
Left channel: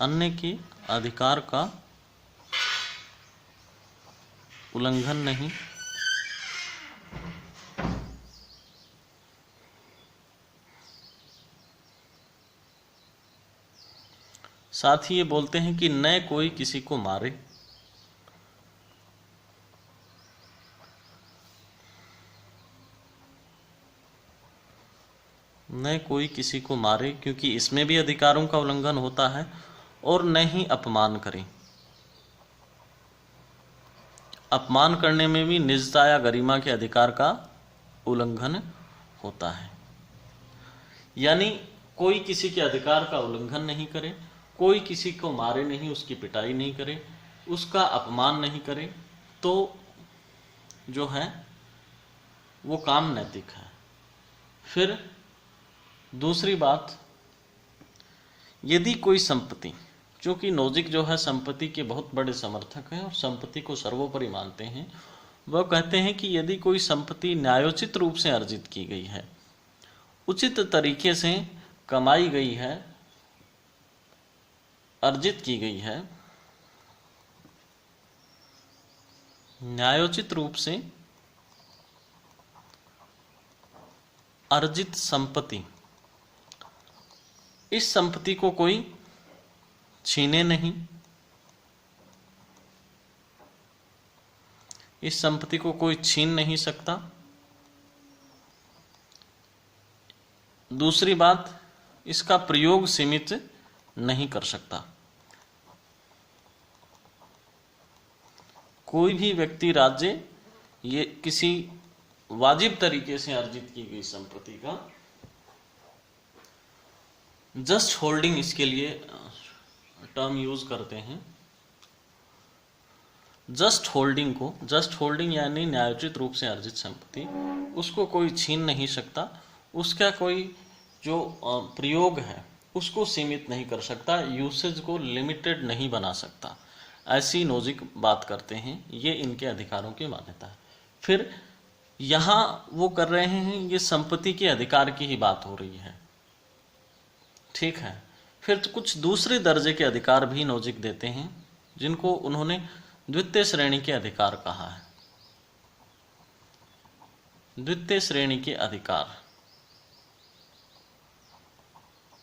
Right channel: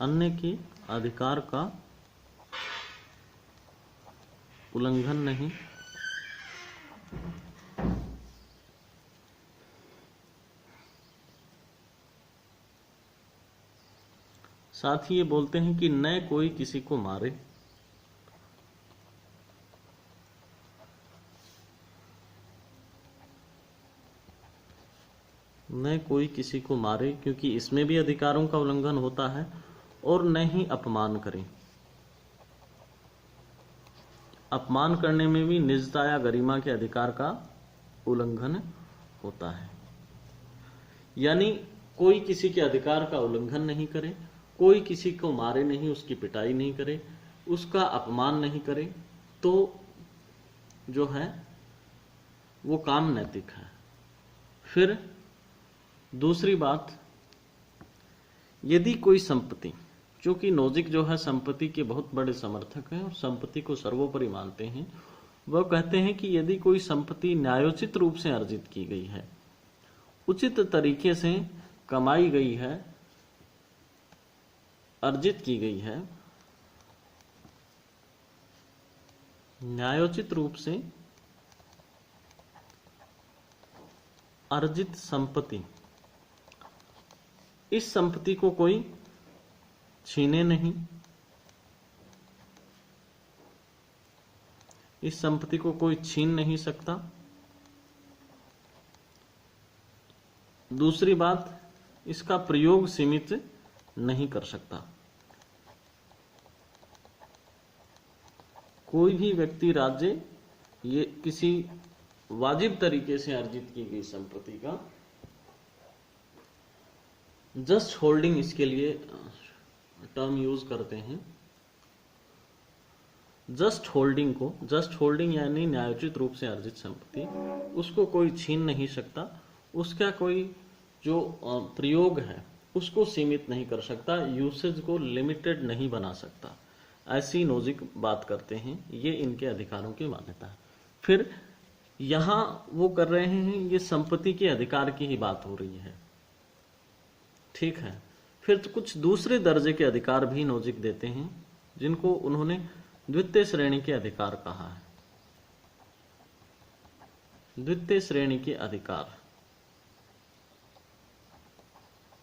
अन्य के अधिकार का उल्लंघन नहीं, साथ ही ये बोलते हैं कि न कोई किसी को मारे, न कोई किसी को मारे, क्योंकि इसमें भी अधिकारों का उल्लंघन होता है, और न ही अपमान करे। अपमान करने में भी निजता या गरिमा के अधिकार का उल्लंघन होता है। यानी कोई किसी के अधिकार का उल्लंघन नहीं करे, कोई किसी को मारे नहीं, उसकी पिटाई नहीं करे, उसका अपमान नहीं करे, तो जो है वो काम नैतिक है। फिर दूसरी बात, यदि कोई संपत्ति, क्योंकि नोजिक जो है संपत्ति के बहुत बड़े समर्थक हैं और संपत्ति को सर्वोपरि मानते हैं, वह कहते हैं कि यदि कोई संपत्ति न्यायोचित रूप से अर्जित की गई है, उचित तरीके से कमाई गई है, अर्जित की गई है, न्यायोचित रूप से अर्जित संपत्ति, इस संपत्ति को कोई छीने नहीं, इस संपत्ति को कोई छीन नहीं सकता। दूसरी बात, इसका प्रयोग सीमित नहीं कर सकता। कोई भी व्यक्ति, राज्य ये किसी वाजिब तरीके से अर्जित की गई संपत्ति का जस्ट होल्डिंग, इसके लिए टर्म यूज करते हैं। जस्ट होल्डिंग यानी न्यायोचित रूप से अर्जित संपत्ति, उसको कोई छीन नहीं सकता, उसका कोई जो प्रयोग है उसको सीमित नहीं कर सकता, यूसेज को लिमिटेड नहीं बना सकता, ऐसी नोजिक बात करते हैं। ये इनके अधिकारों की मान्यता है। फिर यहाँ वो कर रहे हैं, ये संपत्ति के अधिकार की ही बात हो रही है, ठीक है। फिर तो कुछ दूसरे दर्जे के अधिकार भी नोजिक देते हैं, जिनको उन्होंने द्वितीय श्रेणी के अधिकार कहा है। द्वितीय श्रेणी के अधिकार,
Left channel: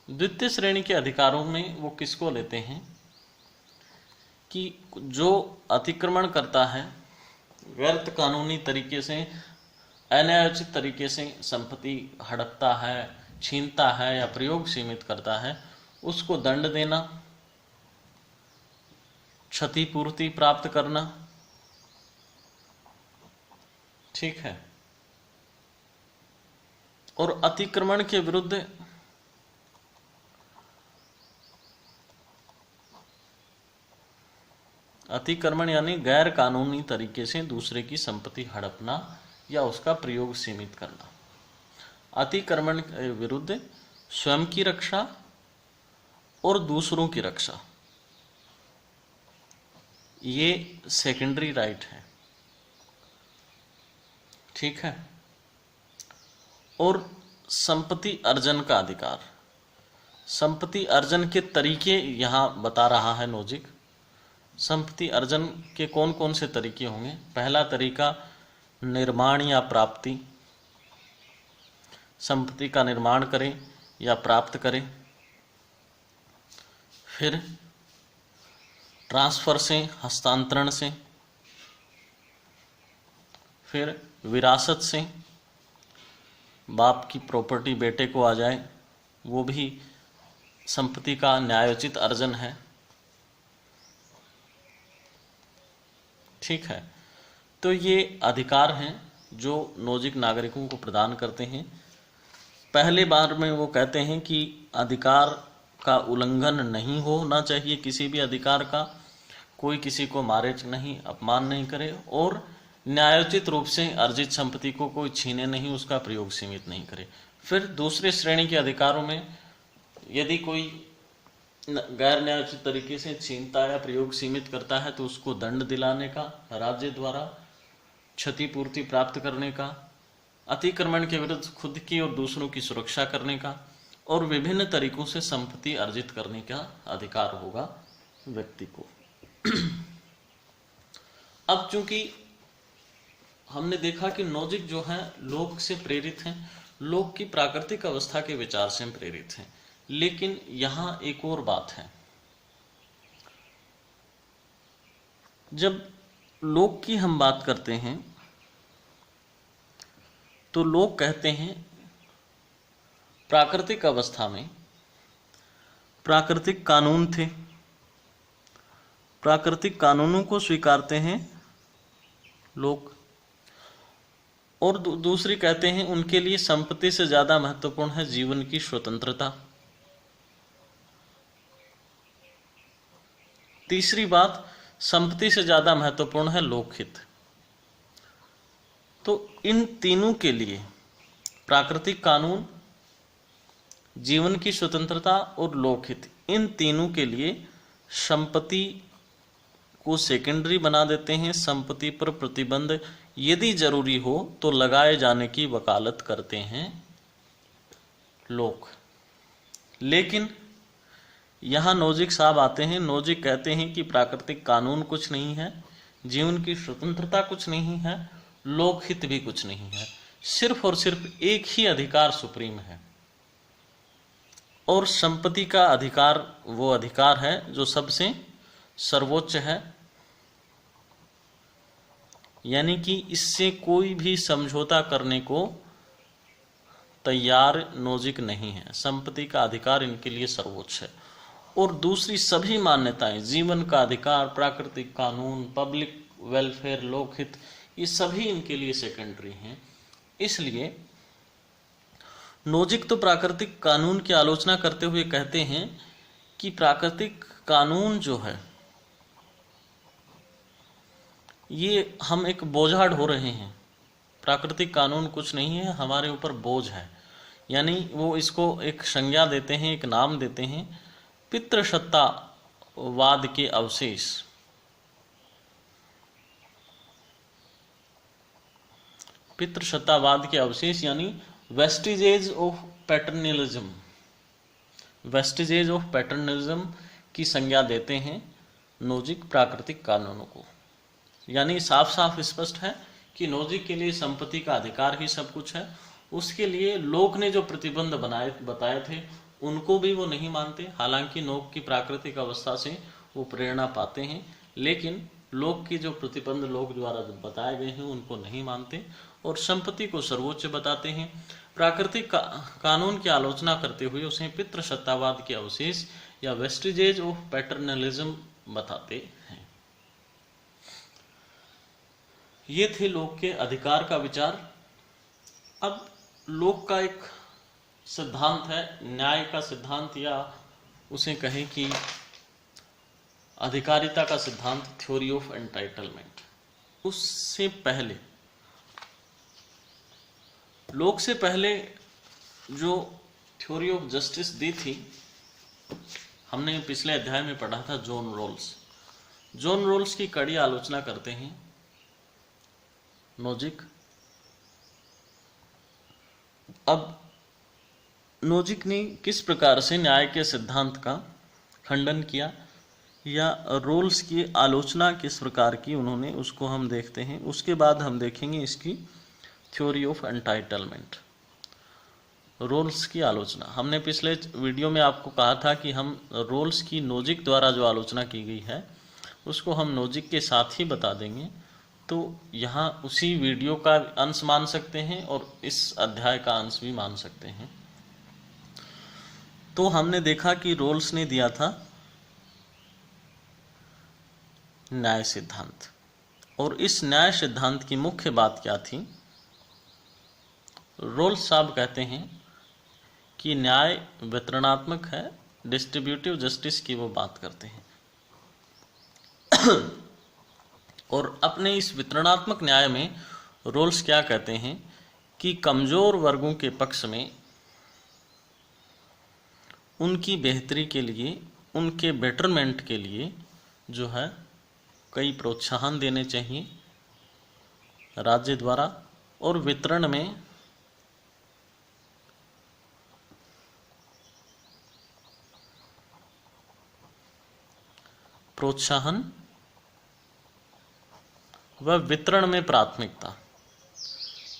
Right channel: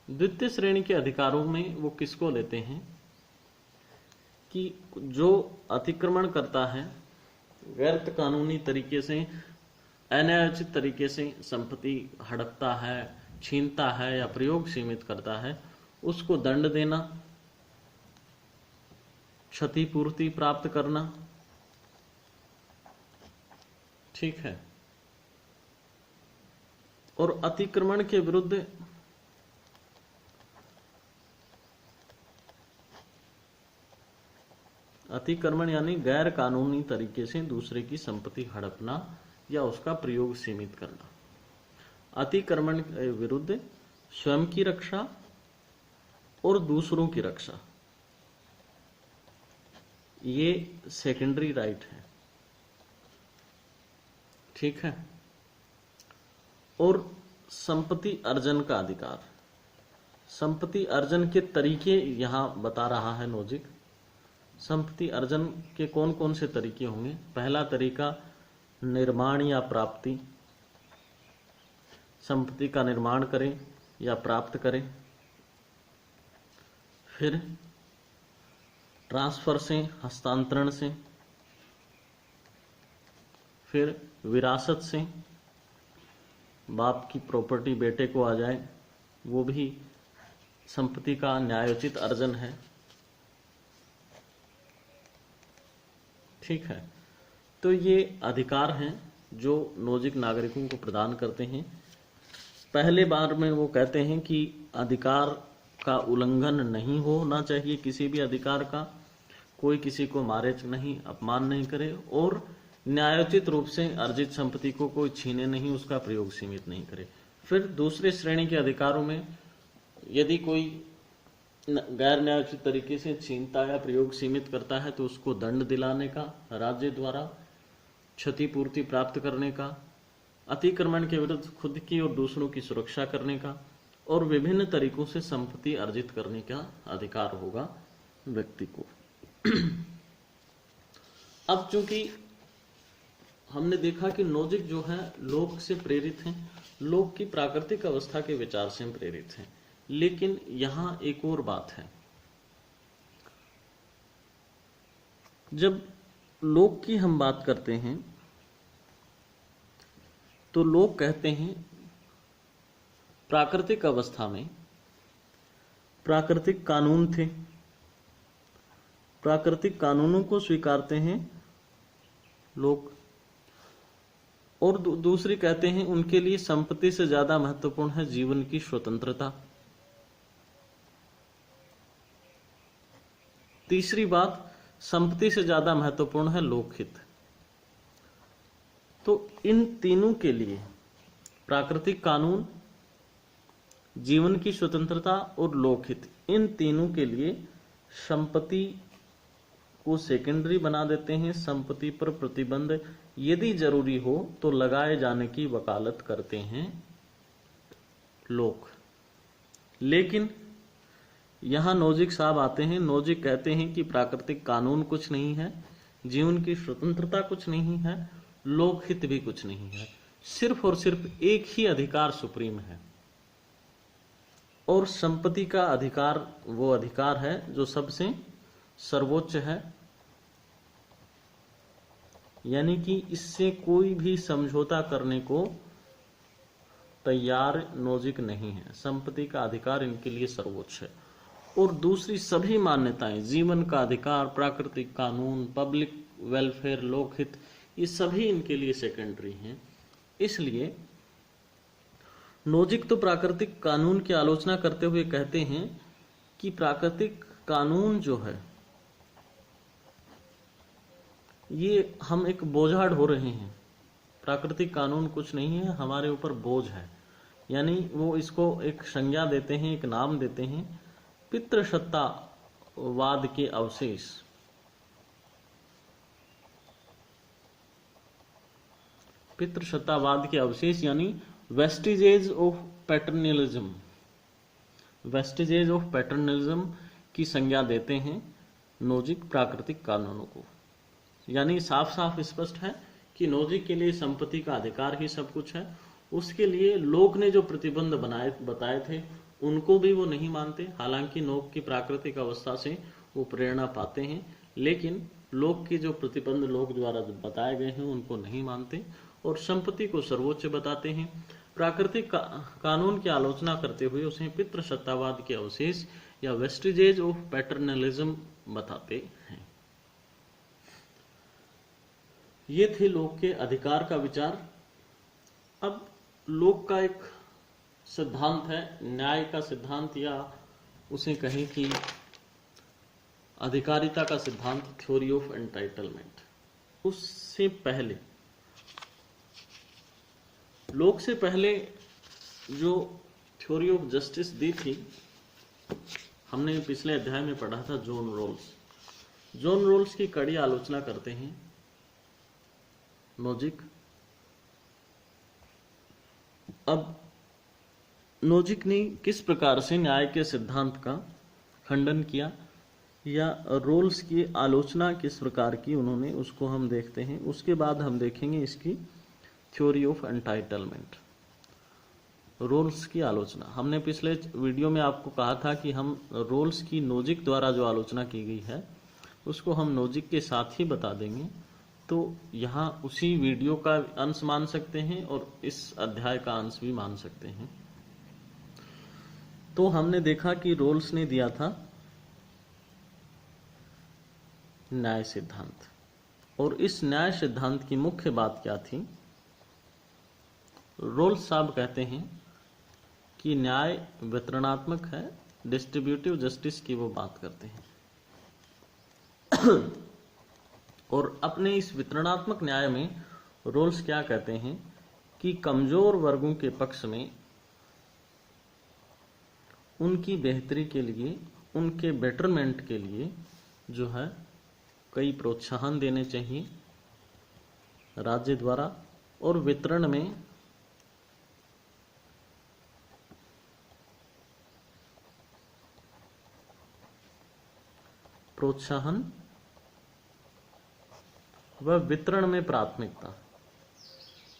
द्वितीय श्रेणी के अधिकारों में वो किसको लेते हैं कि जो अतिक्रमण करता है, व्यर्थ कानूनी तरीके से, अन्यायोचित तरीके से संपत्ति हड़पता है, छीनता है या प्रयोग सीमित करता है, उसको दंड देना, क्षतिपूर्ति प्राप्त करना, ठीक है। और अतिक्रमण के विरुद्ध अतिक्रमण यानी गैर कानूनी तरीके से दूसरे की संपत्ति हड़पना या उसका प्रयोग सीमित करना। अतिक्रमण के विरुद्ध स्वयं की रक्षा और दूसरों की रक्षा, ये सेकेंडरी राइट है, ठीक है। और संपत्ति अर्जन का अधिकार, संपत्ति अर्जन के तरीके यहां बता रहा है नोजिक। संपत्ति अर्जन के कौन कौन से तरीके होंगे? पहला तरीका निर्माण या प्राप्ति, संपत्ति का निर्माण करें या प्राप्त करें। फिर ट्रांसफर से, हस्तांतरण से। फिर विरासत से, बाप की प्रॉपर्टी बेटे को आ जाए, वो भी संपत्ति का न्यायोचित अर्जन है, ठीक है। तो ये अधिकार हैं जो नोजिक नागरिकों को प्रदान करते हैं। पहले बार में वो कहते हैं कि अधिकार का उल्लंघन नहीं होना चाहिए, किसी भी अधिकार का, कोई किसी को मारे नहीं, अपमान नहीं करे, और न्यायोचित रूप से अर्जित संपत्ति को कोई छीने नहीं, उसका प्रयोग सीमित नहीं करे। फिर दूसरे श्रेणी के अधिकारों में यदि कोई गैर न्यायोचित तरीके से छीनता या प्रयोग सीमित करता है तो उसको दंड दिलाने का राज्य द्वारा, क्षतिपूर्ति प्राप्त करने का, अतिक्रमण के विरुद्ध खुद की और दूसरों की सुरक्षा करने का, और विभिन्न तरीकों से संपत्ति अर्जित करने का अधिकार होगा व्यक्ति को। अब चूंकि हमने देखा कि नोजिक जो है लोक से प्रेरित हैं, लोक की प्राकृतिक अवस्था के विचार से प्रेरित हैं, लेकिन यहां एक और बात है। जब लोक की हम बात करते हैं तो लोग कहते हैं प्राकृतिक अवस्था में प्राकृतिक कानून थे, प्राकृतिक कानूनों को स्वीकारते हैं लोग, और दूसरी कहते हैं उनके लिए संपत्ति से ज्यादा महत्वपूर्ण है जीवन की स्वतंत्रता। तीसरी बात, संपत्ति से ज्यादा महत्वपूर्ण है लोकहित। तो इन तीनों के लिए प्राकृतिक कानून, जीवन की स्वतंत्रता और लोकहित, इन तीनों के लिए संपत्ति को सेकेंडरी बना देते हैं। संपत्ति पर प्रतिबंध यदि जरूरी हो तो लगाए जाने की वकालत करते हैं लोग। लेकिन यहाँ नोजिक साहब आते हैं, नोजिक कहते हैं कि प्राकृतिक कानून कुछ नहीं है, जीवन की स्वतंत्रता कुछ नहीं है, लोकहित भी कुछ नहीं है, सिर्फ और सिर्फ एक ही अधिकार सुप्रीम है, और संपत्ति का अधिकार वो अधिकार है जो सबसे सर्वोच्च है यानी कि इससे कोई भी समझौता करने को तैयार नोजिक नहीं है। संपत्ति का अधिकार इनके लिए सर्वोच्च है। और दूसरी सभी मान्यताएं, जीवन का अधिकार, प्राकृतिक कानून, पब्लिक वेलफेयर, लोकहित, ये सभी इनके लिए सेकेंडरी हैं। इसलिए नोजिक तो प्राकृतिक कानून की आलोचना करते हुए कहते हैं कि प्राकृतिक कानून जो है ये हम एक बोझा ढो रहे हैं। प्राकृतिक कानून कुछ नहीं है, हमारे ऊपर बोझ है। यानी वो इसको एक संज्ञा देते हैं, एक नाम देते हैं, पितृसत्तावाद के अवशेष। पितृसत्तावाद के अवशेष यानी वेस्टिजेज ऑफ पैटर्नलिज्म, वेस्टिजेज ऑफ पैटर्नलिज्म की संज्ञा देते हैं नोजिक प्राकृतिक कानूनों को। यानी साफ साफ स्पष्ट है कि नोजिक के लिए संपत्ति का अधिकार ही सब कुछ है। उसके लिए लोक ने जो प्रतिबंध बताए थे उनको भी वो नहीं मानते। हालांकि नोक की प्राकृतिक अवस्था से वो प्रेरणा पाते हैं, लेकिन लोक की जो प्रतिबंध लोक द्वारा बताए गए हैं उनको नहीं मानते और संपत्ति को सर्वोच्च बताते हैं। प्राकृतिक कानून की आलोचना करते हुए उसे पितृसत्तावाद के अवशेष या वेस्टिजेज ऑफ पैटर्नलिज्म बताते हैं। ये थे लोक के अधिकार का विचार। अब लोक का एक सिद्धांत है, न्याय का सिद्धांत, या उसे कहें कि अधिकारिता का सिद्धांत, थ्योरी ऑफ एंटाइटलमेंट। उससे पहले, लोक से पहले जो थ्योरी ऑफ जस्टिस दी थी, हमने पिछले अध्याय में पढ़ा था जॉन रॉल्स। जॉन रॉल्स की कड़ी आलोचना करते हैं नोजिक। अब नोजिक ने किस प्रकार से न्याय के सिद्धांत का खंडन किया या रोल्स की आलोचना किस प्रकार की उन्होंने, उसको हम देखते हैं। उसके बाद हम देखेंगे इसकी थ्योरी ऑफ एंटाइटलमेंट, रोल्स की आलोचना। हमने पिछले वीडियो में आपको कहा था कि हम रोल्स की नोजिक द्वारा जो आलोचना की गई है उसको हम नोजिक के साथ ही बता देंगे। तो यहाँ उसी वीडियो का अंश मान सकते हैं और इस अध्याय का अंश भी मान सकते हैं। तो हमने देखा कि रोल्स ने दिया था न्याय सिद्धांत, और इस न्याय सिद्धांत की मुख्य बात क्या थी। रोल्स साहब कहते हैं कि न्याय वितरणात्मक है, डिस्ट्रीब्यूटिव जस्टिस की वो बात करते हैं। और अपने इस वितरणात्मक न्याय में रोल्स क्या कहते हैं कि कमजोर वर्गों के पक्ष में उनकी बेहतरी के लिए, उनके बेटरमेंट के लिए जो है कई प्रोत्साहन देने चाहिए राज्य द्वारा, और वितरण में प्रोत्साहन व वितरण में प्राथमिकता,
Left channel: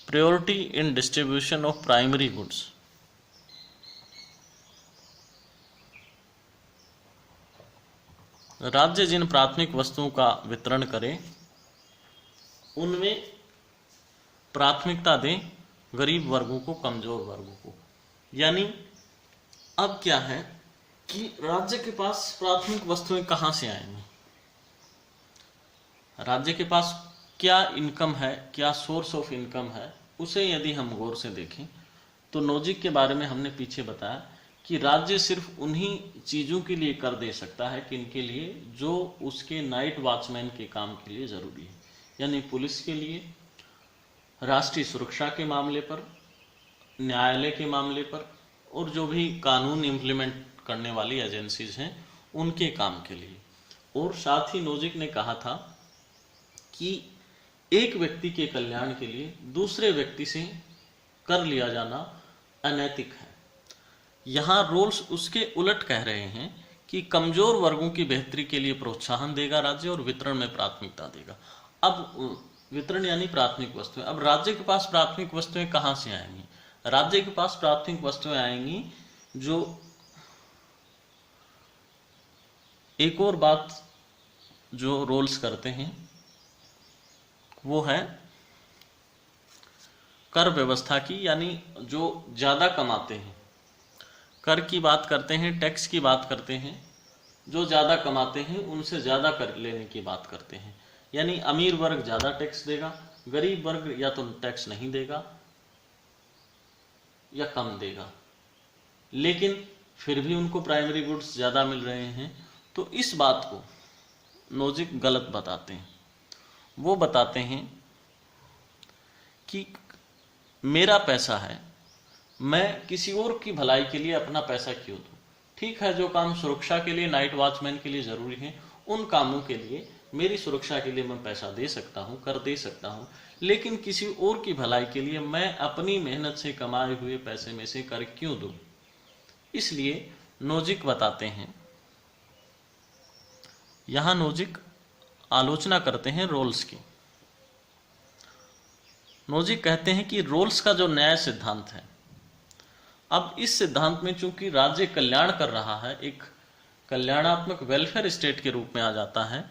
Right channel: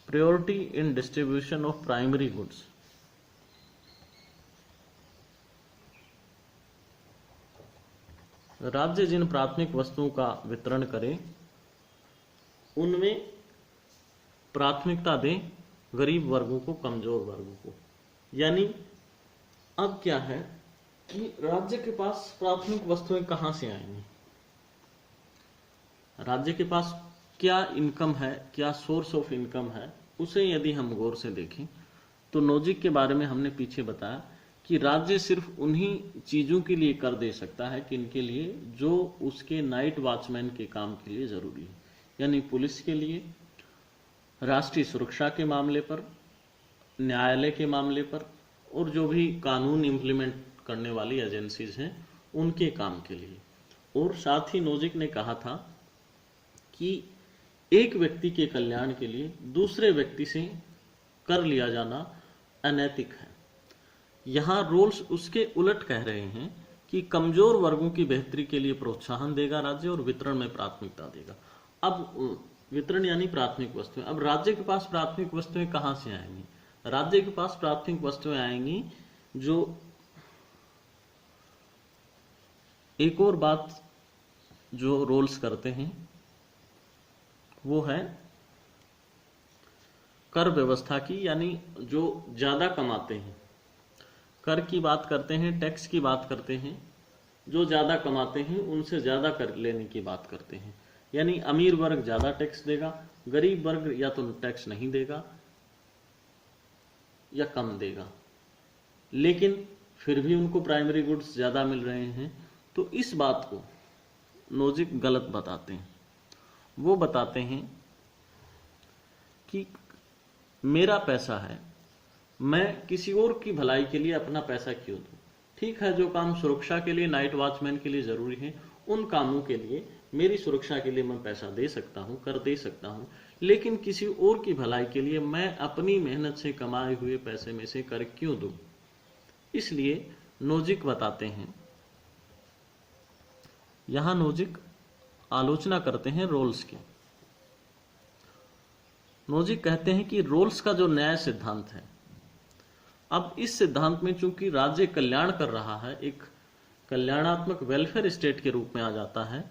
priority in distribution of primary goods. राज्य जिन प्राथमिक वस्तुओं का वितरण करे उनमें प्राथमिकता दें गरीब वर्गों को, कमजोर वर्गों को। यानी अब क्या है कि राज्य के पास प्राथमिक वस्तुएं कहां से आएंगी, राज्य के पास क्या इनकम है, क्या सोर्स ऑफ इनकम है, उसे यदि हम गौर से देखें तो नोजिक के बारे में हमने पीछे बताया कि राज्य सिर्फ उन्हीं चीज़ों के लिए कर दे सकता है कि इनके लिए जो उसके नाइट वॉचमैन के काम के लिए ज़रूरी है। यानी पुलिस के लिए, राष्ट्रीय सुरक्षा के मामले पर, न्यायालय के मामले पर, और जो भी कानून इम्प्लीमेंट करने वाली एजेंसीज हैं उनके काम के लिए। और साथ ही नोजिक ने कहा था कि एक व्यक्ति के कल्याण के लिए दूसरे व्यक्ति से कर लिया जाना अनैतिक है। यहाँ रोल्स उसके उलट कह रहे हैं कि कमजोर वर्गों की बेहतरी के लिए प्रोत्साहन देगा राज्य और वितरण में प्राथमिकता देगा। अब वितरण यानी प्राथमिक वस्तुएं। अब राज्य के पास प्राथमिक वस्तुएं कहाँ से आएंगी? राज्य के पास प्राथमिक वस्तुएं आएंगी जो, एक और बात जो रोल्स करते हैं वो है कर व्यवस्था की, यानी जो ज़्यादा कमाते हैं, कर की बात करते हैं, टैक्स की बात करते हैं, जो ज़्यादा कमाते हैं उनसे ज़्यादा कर लेने की बात करते हैं। यानी अमीर वर्ग ज़्यादा टैक्स देगा, गरीब वर्ग या तो टैक्स नहीं देगा या कम देगा, लेकिन फिर भी उनको प्राइमरी गुड्स ज़्यादा मिल रहे हैं। तो इस बात को नोजिक गलत बताते हैं। वो बताते हैं कि मेरा पैसा है, मैं किसी और की भलाई के लिए अपना पैसा क्यों दूं। ठीक है, जो काम सुरक्षा के लिए, नाइट वॉचमैन के लिए ज़रूरी है, उन कामों के लिए, मेरी सुरक्षा के लिए मैं पैसा दे सकता हूं, कर दे सकता हूं, लेकिन किसी और की भलाई के लिए मैं अपनी मेहनत से कमाए हुए पैसे में से कर क्यों दूं। इसलिए नोजिक बताते हैं, यहां नोजिक आलोचना करते हैं रोल्स की। नोजिक कहते हैं कि रोल्स का जो न्याय सिद्धांत है, अब इस सिद्धांत में चूंकि राज्य कल्याण कर रहा है, एक कल्याणात्मक वेलफेयर स्टेट के रूप में आ जाता है,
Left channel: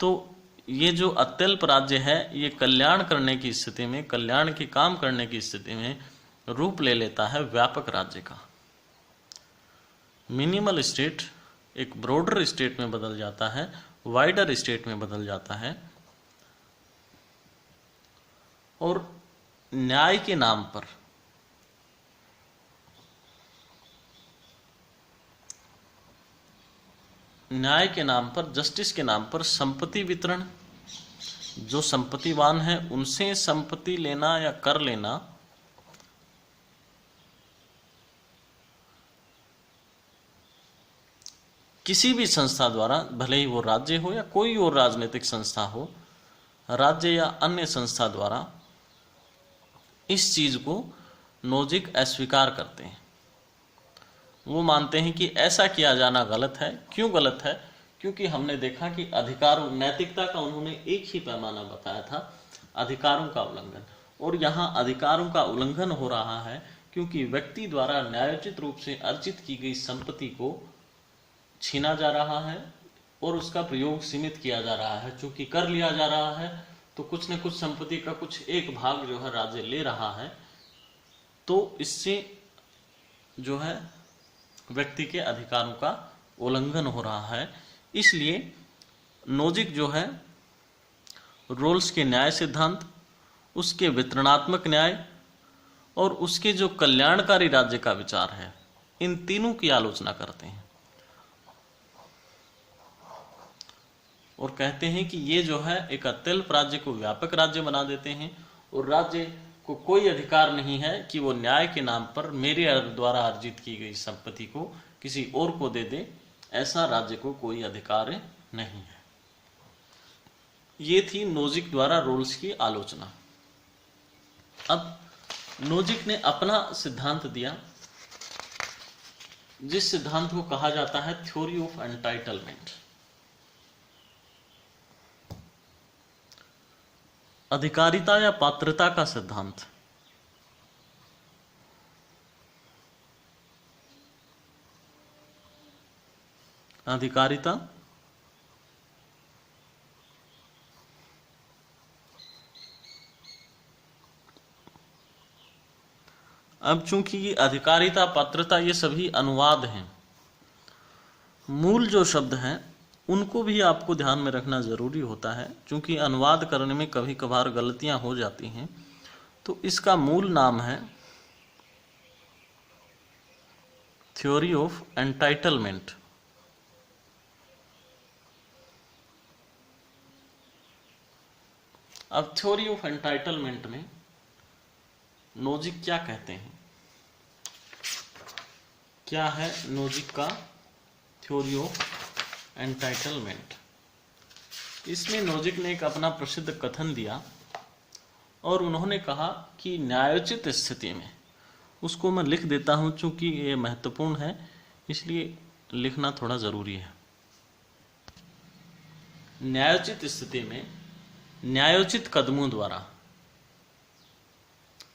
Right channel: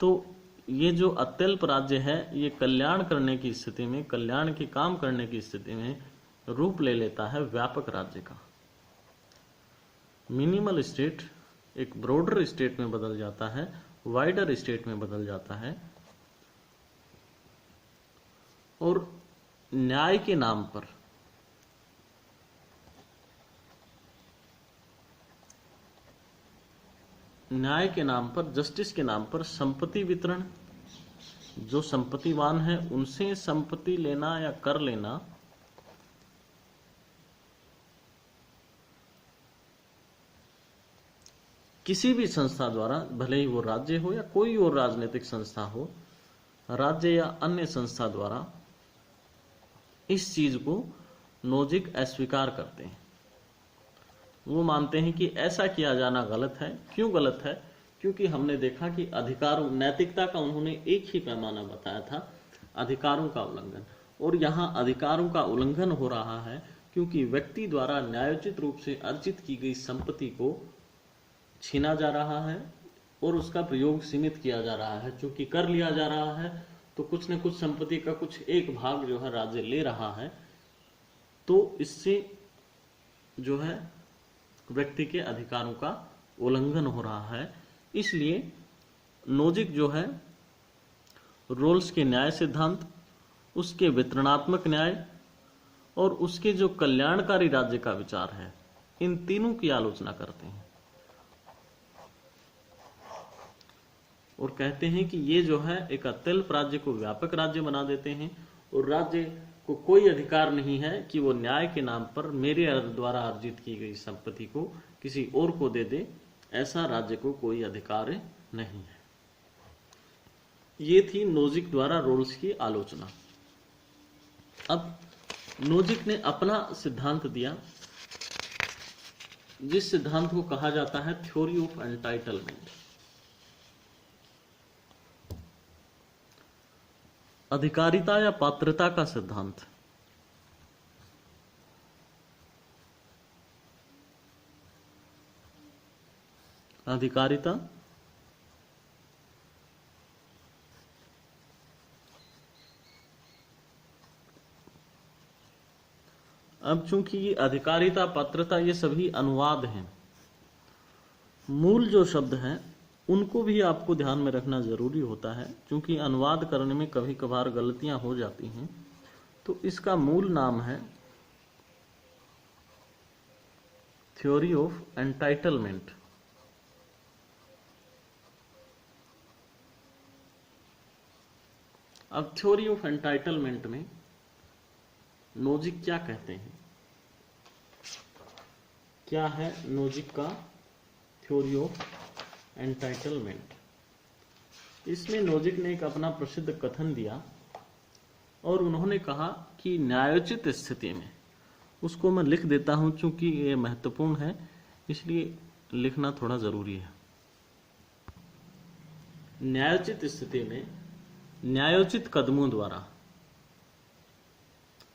तो ये जो अत्यल्प राज्य है ये कल्याण करने की स्थिति में, कल्याण के काम करने की स्थिति में रूप ले लेता है व्यापक राज्य का। मिनिमल स्टेट एक ब्रॉडर स्टेट में बदल जाता है, वाइडर स्टेट में बदल जाता है, और न्याय के नाम पर जस्टिस के नाम पर संपत्ति वितरण, जो संपत्तिवान है उनसे संपत्ति लेना या कर लेना, किसी भी संस्था द्वारा, भले ही वो राज्य हो या कोई और राजनीतिक संस्था हो, राज्य या अन्य संस्था द्वारा इस चीज को नोजिक अस्वीकार करते हैं। वो मानते हैं कि ऐसा किया जाना गलत है। क्यों गलत है? क्योंकि हमने देखा कि अधिकारों, नैतिकता का उन्होंने एक ही पैमाना बताया था, अधिकारों का उल्लंघन, और यहाँ अधिकारों का उल्लंघन हो रहा है क्योंकि व्यक्ति द्वारा न्यायोचित रूप से अर्जित की गई संपत्ति को छीना जा रहा है और उसका प्रयोग सीमित किया जा रहा है। चूंकि कर लिया जा रहा है तो कुछ न कुछ संपत्ति का कुछ एक भाग जो है राज्य ले रहा है, तो इससे जो है व्यक्ति के अधिकारों का उल्लंघन हो रहा है। इसलिए नोजिक जो है रोल्स के न्याय सिद्धांत, उसके वितरणात्मक न्याय और उसके जो कल्याणकारी राज्य का विचार है, इन तीनों की आलोचना करते हैं और कहते हैं कि ये जो है एक अत्यल्प राज्य को व्यापक राज्य बना देते हैं और राज्य को कोई अधिकार नहीं है कि वो न्याय के नाम पर मेरे द्वारा अर्जित की गई संपत्ति को किसी और को दे दे, ऐसा राज्य को कोई अधिकार नहीं है। ये थी नोजिक द्वारा रोल्स की आलोचना। अब नोजिक ने अपना सिद्धांत दिया, जिस सिद्धांत को कहा जाता है थ्योरी ऑफ एंटाइटलमेंट, अधिकारिता या पात्रता का सिद्धांत। अधिकारिता अब चूंकि ये अधिकारिता, पात्रता ये सभी अनुवाद हैं, मूल जो शब्द हैं उनको भी आपको ध्यान में रखना जरूरी होता है, क्योंकि अनुवाद करने में कभी कभार गलतियां हो जाती हैं। तो इसका मूल नाम है थ्योरी ऑफ एंटाइटलमेंट। अब थ्योरी ऑफ एंटाइटलमेंट में नोजिक क्या कहते हैं, क्या है नोजिक का थ्योरी ऑफ एंटाइटलमेंट? इसमें नोजिक ने एक अपना प्रसिद्ध कथन दिया और उन्होंने कहा कि न्यायोचित स्थिति में, उसको मैं लिख देता हूं चूंकि ये महत्वपूर्ण है इसलिए लिखना थोड़ा जरूरी है। न्यायोचित स्थिति में न्यायोचित कदमों द्वारा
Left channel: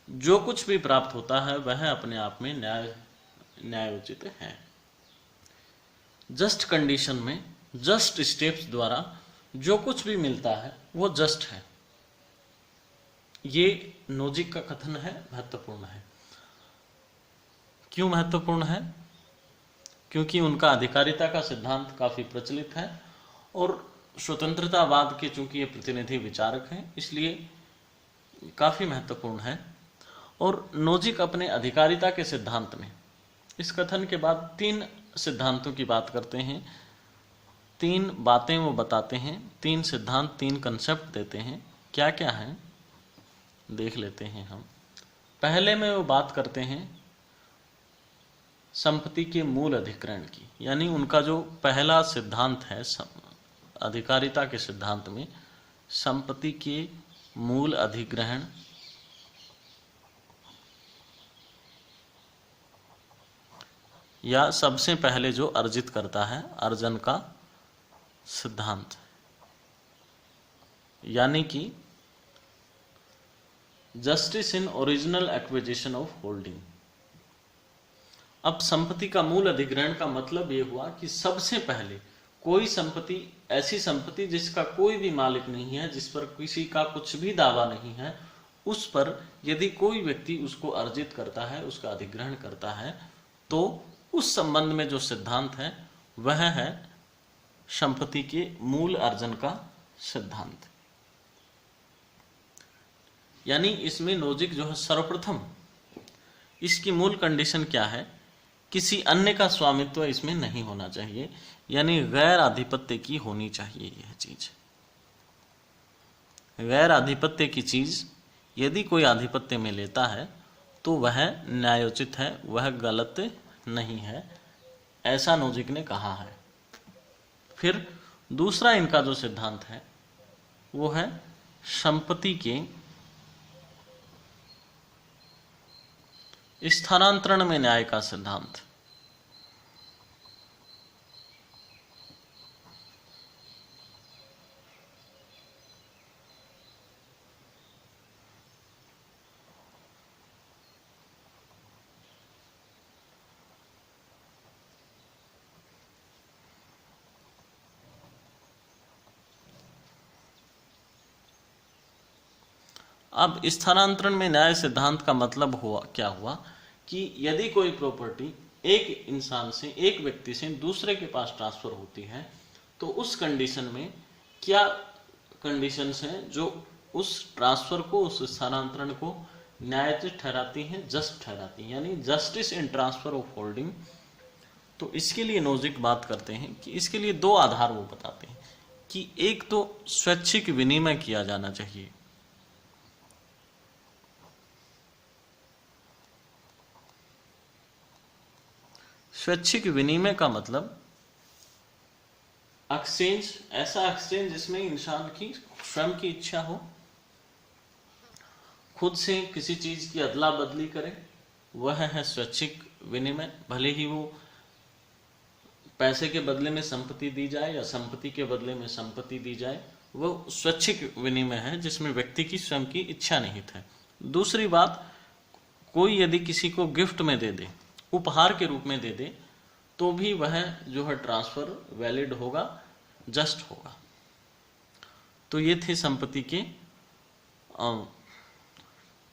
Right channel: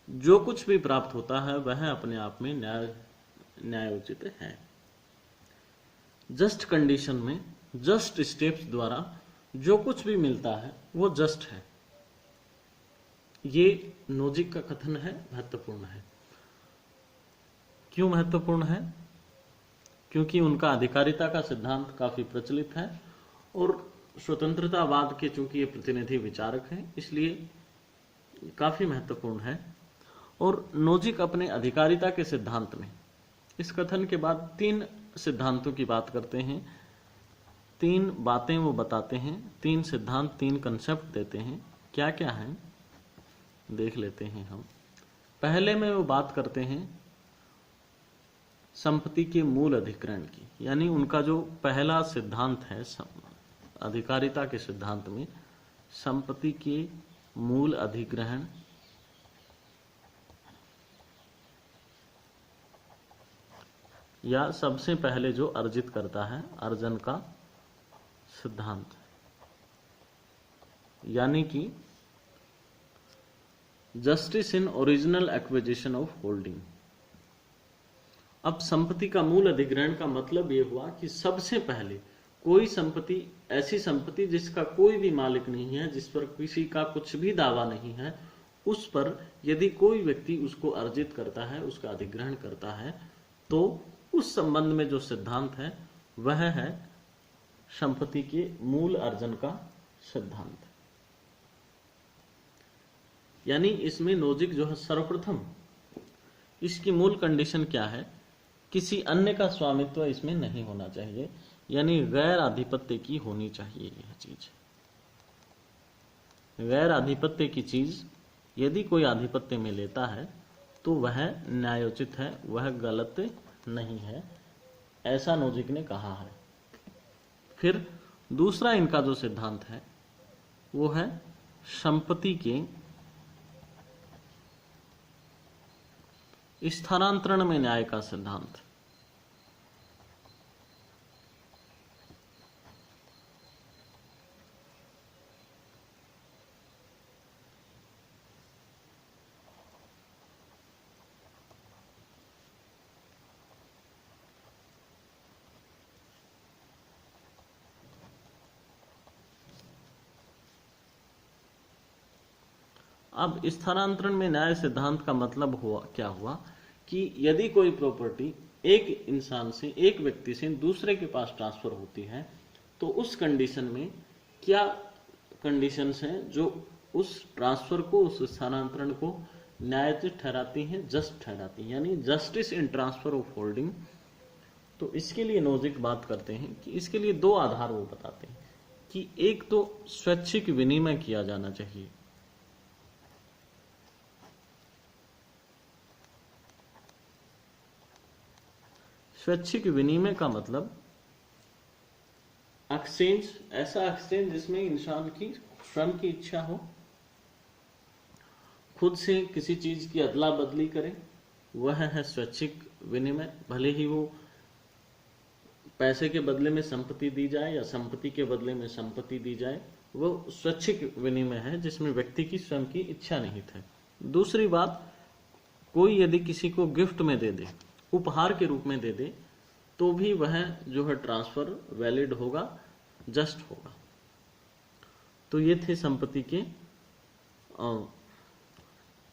जो कुछ भी प्राप्त होता है वह अपने आप में न्यायोचित है। जस्ट कंडीशन में, जस्ट स्टेप्स द्वारा जो कुछ भी मिलता है वो जस्ट है। ये नोजिक का कथन है महत्वपूर्ण है। क्यों महत्वपूर्ण है? क्योंकि उनका अधिकारिता का सिद्धांत काफी प्रचलित है और स्वतंत्रतावाद के चूंकि ये प्रतिनिधि विचारक हैं, इसलिए काफी महत्वपूर्ण है। और नोजिक अपने अधिकारिता के सिद्धांत में इस कथन के बाद 3 सिद्धांतों की बात करते हैं, 3 बातें वो बताते हैं, 3 सिद्धांत, 3 कंसेप्ट देते हैं। क्या क्या है देख लेते हैं हम। पहले में वो बात करते हैं संपत्ति के मूल अधिग्रहण की, यानी उनका जो पहला सिद्धांत है अधिकारिता के सिद्धांत में, संपत्ति के मूल अधिग्रहण या सबसे पहले जो अर्जित करता है, अर्जन का सिद्धांत, यानी कि justice in original acquisition of holding. अब संपत्ति का मूल अधिग्रहण का मतलब यह हुआ कि सबसे पहले कोई संपत्ति, ऐसी संपत्ति जिसका कोई भी मालिक नहीं है, जिस पर किसी का कुछ भी दावा नहीं है, उस पर यदि कोई व्यक्ति उसको अर्जित करता है, उसका अधिग्रहण करता है, तो उस संबंध में जो सिद्धांत है वह है संपत्ति के मूल अर्जन का सिद्धांत। यानी इसमें नोजिक जो है सर्वप्रथम इसकी मूल कंडीशन क्या है, किसी अन्य का स्वामित्व इसमें नहीं होना चाहिए, यानी गैर आधिपत्य की होनी चाहिए। यह चीज गैर आधिपत्य की चीज यदि कोई आधिपत्य में लेता है तो वह न्यायोचित है, वह गलत नहीं है, ऐसा नोजिक ने कहा है। फिर दूसरा इनका जो सिद्धांत है वो है संपत्ति के स्थानांतरण में न्याय का सिद्धांत। अब स्थानांतरण में न्याय सिद्धांत का मतलब क्या हुआ कि यदि कोई प्रॉपर्टी एक इंसान से, एक व्यक्ति से दूसरे के पास ट्रांसफर होती है, तो उस कंडीशन में क्या कंडीशंस हैं जो उस ट्रांसफर को, उस स्थानांतरण को न्यायोचित ठहराती हैं, जस्ट ठहराती हैं, यानी justice in transfer of holding. तो इसके लिए नोजिक बात करते हैं कि इसके लिए 2 आधार वो बताते हैं कि एक तो स्वैच्छिक विनिमय किया जाना चाहिए। स्वैच्छिक विनिमय का मतलब एक्सचेंज, ऐसा एक्सचेंज जिसमें इंसान की स्वयं की इच्छा हो, खुद से किसी चीज की अदला बदली करे, वह है स्वैच्छिक विनिमय। भले ही वो पैसे के बदले में संपत्ति दी जाए या संपत्ति के बदले में संपत्ति दी जाए, वह स्वैच्छिक विनिमय है जिसमें व्यक्ति की स्वयं की इच्छा निहित है। दूसरी बात, कोई यदि किसी को गिफ्ट में दे दे, उपहार के रूप में दे दे, तो भी वह जो है ट्रांसफर वैलिड होगा, जस्ट होगा। तो ये थे संपत्ति के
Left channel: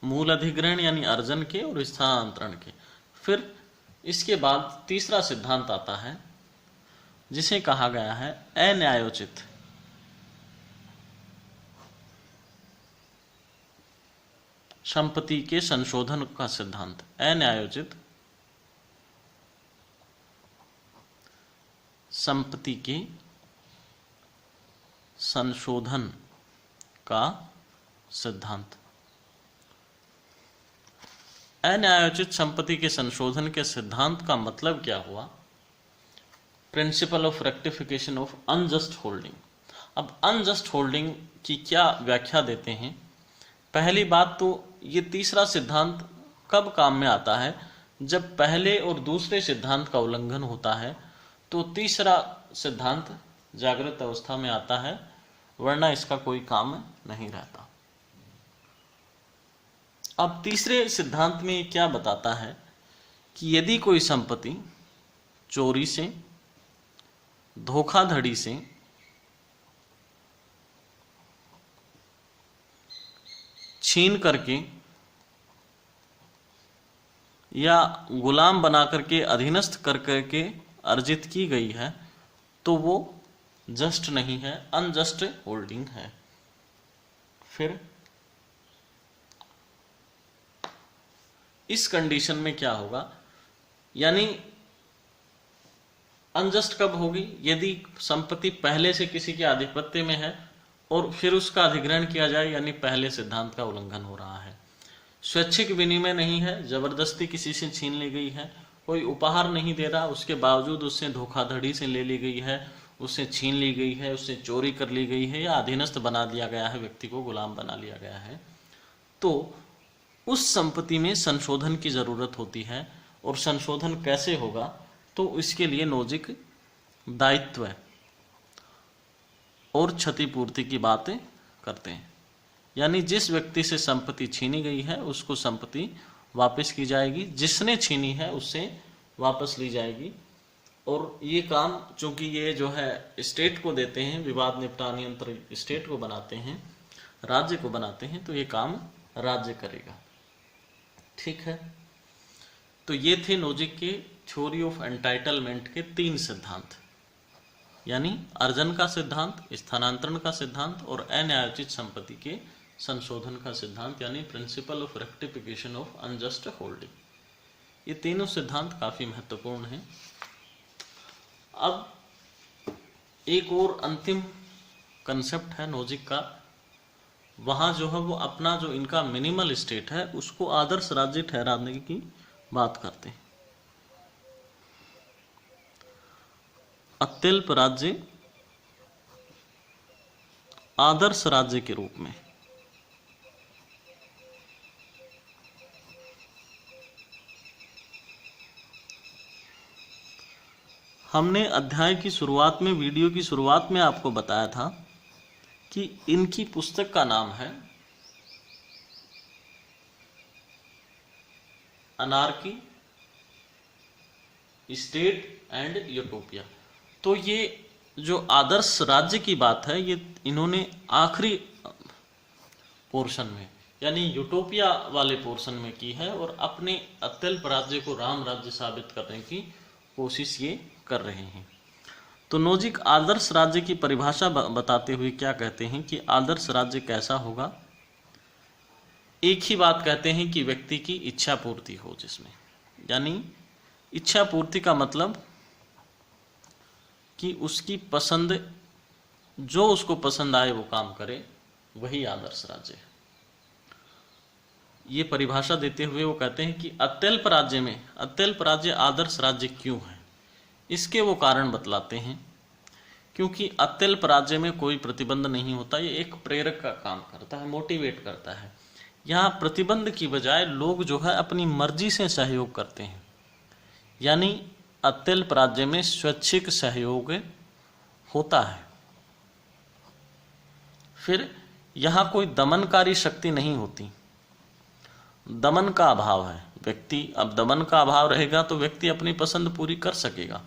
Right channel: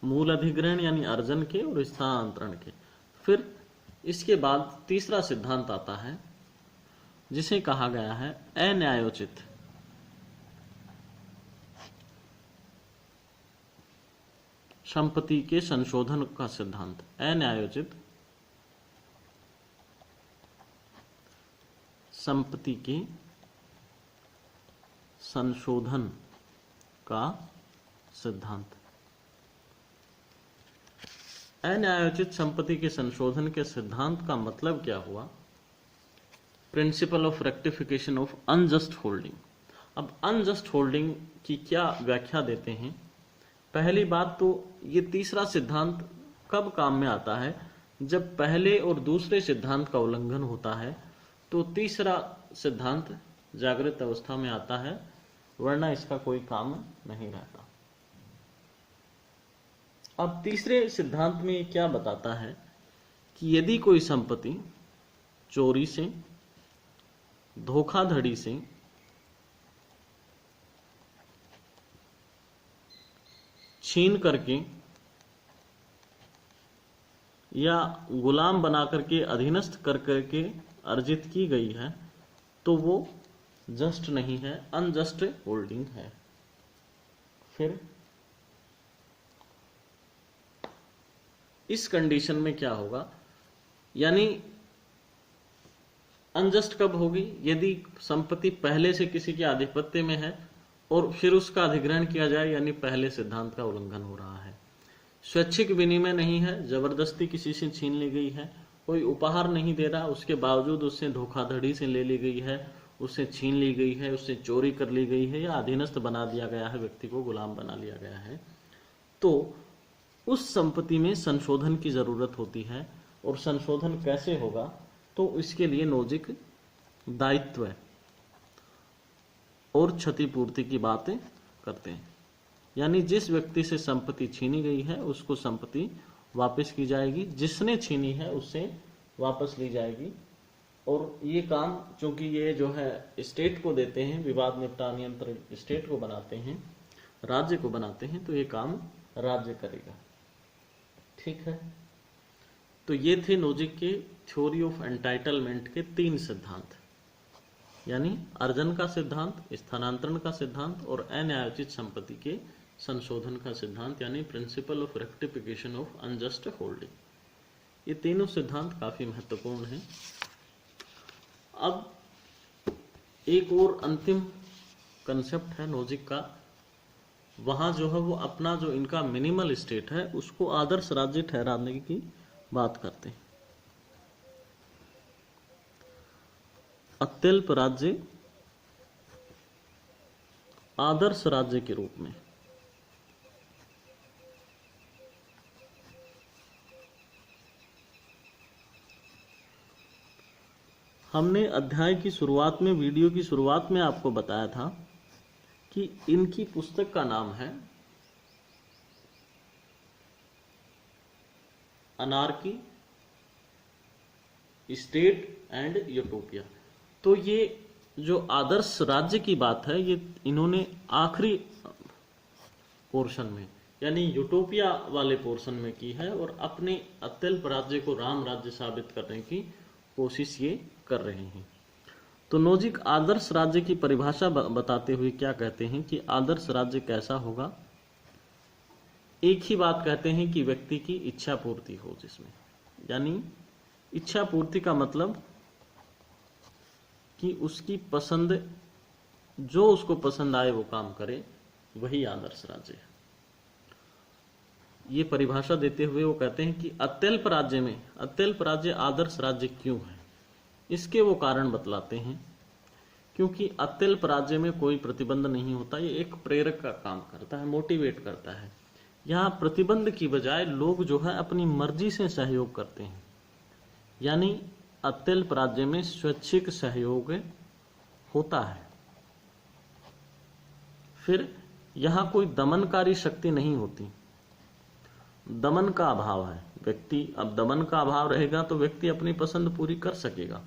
मूल अधिग्रहण यानी अर्जन के और स्थानांतरण के। फिर इसके बाद तीसरा सिद्धांत आता है जिसे कहा गया है अन्यायोचित। संपत्ति के संशोधन का सिद्धांत, अन्यायोचित संपत्ति के संशोधन का सिद्धांत। अन्यायोचित संपत्ति के संशोधन के सिद्धांत का मतलब क्या हुआ? Principle of rectification of unjust holding. अब अनजस्ट होल्डिंग की क्या व्याख्या देते हैं? पहली बात तो ये तीसरा सिद्धांत कब काम में आता है? जब पहले और दूसरे सिद्धांत का उल्लंघन होता है तो तीसरा सिद्धांत जागृत अवस्था में आता है, वरना इसका कोई काम नहीं रहता। अब तीसरे सिद्धांत में क्या बताता है कि यदि कोई संपत्ति चोरी से, धोखाधड़ी से, छीन करके या गुलाम बना करके अधीनस्थ कर करके अर्जित की गई है तो वो जस्ट नहीं है, अनजस्ट होल्डिंग है। फिर इस कंडीशन में क्या होगा, यानी अनजस्ट कब होगी, यदि संपत्ति पहले से किसी के आधिपत्य में है और फिर उसका अधिग्रहण किया जाए, यानी पहले सिद्धांत का उल्लंघन हो रहा है। स्वैच्छिक विनिमय नहीं है, जबरदस्ती किसी से छीन ली गई है, कोई उपहार नहीं दे रहा, उसके बावजूद उससे धोखाधड़ी से ले ली गई है, उससे छीन ली गई है, उससे चोरी कर ली गई है या अधीनस्थ बना दिया गया है, व्यक्ति को गुलाम बना लिया गया है, तो उस संपत्ति में संशोधन की जरूरत होती है। और संशोधन कैसे होगा, तो इसके लिए नोजिक दायित्व और क्षतिपूर्ति की बातें करते हैं। यानी जिस व्यक्ति से संपत्ति छीनी गई है उसको संपत्ति वापस की जाएगी, जिसने छीनी है उससे वापस ली जाएगी। और ये काम चूंकि ये जो है स्टेट को देते हैं, विवाद निपटान यंत्र स्टेट को बनाते हैं, राज्य को बनाते हैं, तो ये काम राज्य करेगा। ठीक है, तो ये थे नोजिक के थ्योरी ऑफ एंटाइटलमेंट के 3 सिद्धांत, यानी अर्जन का सिद्धांत, स्थानांतरण का सिद्धांत और अन्यायोचित संपत्ति के संशोधन का सिद्धांत, यानी principle of rectification of unjust holding. ये तीनों सिद्धांत काफी महत्वपूर्ण हैं। अब एक और अंतिम कंसेप्ट है नोजिक का, वहां जो है वो अपना जो इनका मिनिमल स्टेट है उसको आदर्श राज्य ठहराने की बात करते हैं। अत्यल्प राज्य आदर्श राज्य के रूप में हमने अध्याय की शुरुआत में, वीडियो की शुरुआत में आपको बताया था कि इनकी पुस्तक का नाम है अनार्की, स्टेट एंड यूटोपिया। तो ये जो आदर्श राज्य की बात है ये इन्होंने आखिरी पोर्शन में, यानी यूटोपिया वाले पोर्शन में की है और अपने अत्यल्प राज्य को राम राज्य साबित करने की कोशिश ये कर रहे हैं। तो नोजिक आदर्श राज्य की परिभाषा बताते हुए क्या कहते हैं कि आदर्श राज्य कैसा होगा। एक ही बात कहते हैं कि व्यक्ति की इच्छा पूर्ति हो जिसमें, यानी इच्छा पूर्ति का मतलब कि उसकी पसंद, जो उसको पसंद आए वो काम करे, वही आदर्श राज्य है। ये परिभाषा देते हुए वो कहते हैं कि अत्यल्प राज्य में, अत्यल्प राज्य आदर्श राज्य क्यों है, इसके वो कारण बतलाते हैं। क्योंकि अत्यल्प राज्य में कोई प्रतिबंध नहीं होता, ये एक प्रेरक का काम करता है, मोटिवेट करता है। यहाँ प्रतिबंध की बजाय लोग जो है अपनी मर्जी से सहयोग करते हैं, यानी अत्यल्प राज्य में स्वैच्छिक सहयोग होता है। फिर यहाँ कोई दमनकारी शक्ति नहीं होती, दमन का अभाव है। व्यक्ति, अब दमन का अभाव रहेगा तो व्यक्ति अपनी पसंद पूरी कर सकेगा,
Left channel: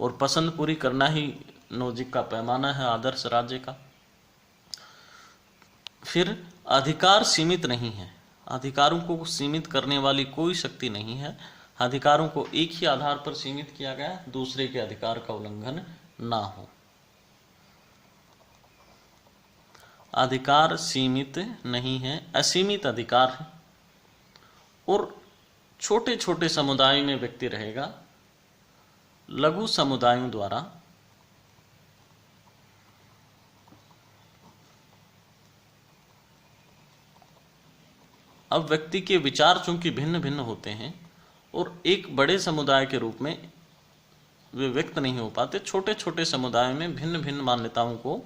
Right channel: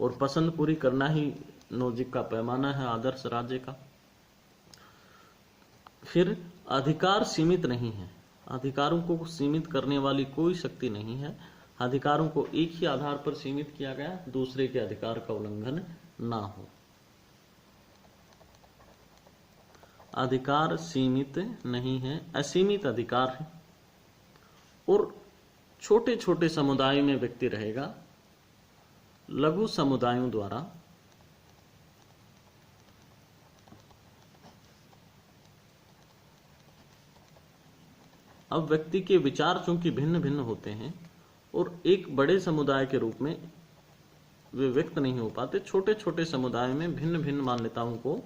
और पसंद पूरी करना ही नोजिक का पैमाना है आदर्श राज्य का। फिर अधिकार सीमित नहीं है, अधिकारों को सीमित करने वाली कोई शक्ति नहीं है। अधिकारों को एक ही आधार पर सीमित किया गया है, दूसरे के अधिकार का उल्लंघन ना हो। अधिकार सीमित नहीं है, असीमित अधिकार है। और छोटे छोटे समुदाय में व्यक्ति रहेगा, लघु समुदायों द्वारा अब व्यक्ति के विचार चूंकि भिन्न भिन्न होते हैं और एक बड़े समुदाय के रूप में वे व्यक्त नहीं हो पाते, छोटे छोटे समुदायों में भिन्न भिन्न मान्यताओं को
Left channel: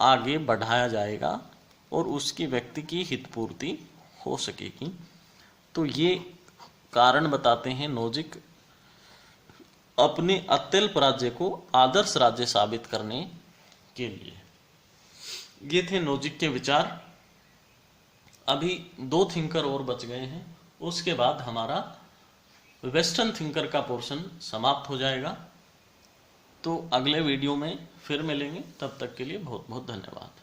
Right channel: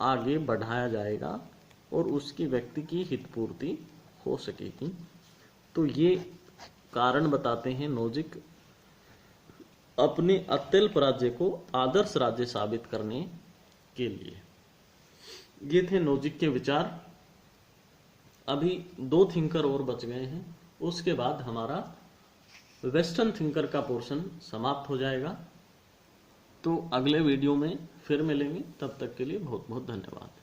आगे बढ़ाया जाएगा और उसकी व्यक्ति की हितपूर्ति हो सकेगी। तो ये कारण बताते हैं नोजिक अपने अत्यल्प राज्य को आदर्श राज्य साबित करने के लिए। ये थे नोजिक के विचार। अभी 2 थिंकर और बच गए हैं, उसके बाद हमारा वेस्टर्न थिंकर का पोर्शन समाप्त हो जाएगा। तो अगले वीडियो में फिर मिलेंगे, तब तक के लिए बहुत बहुत धन्यवाद।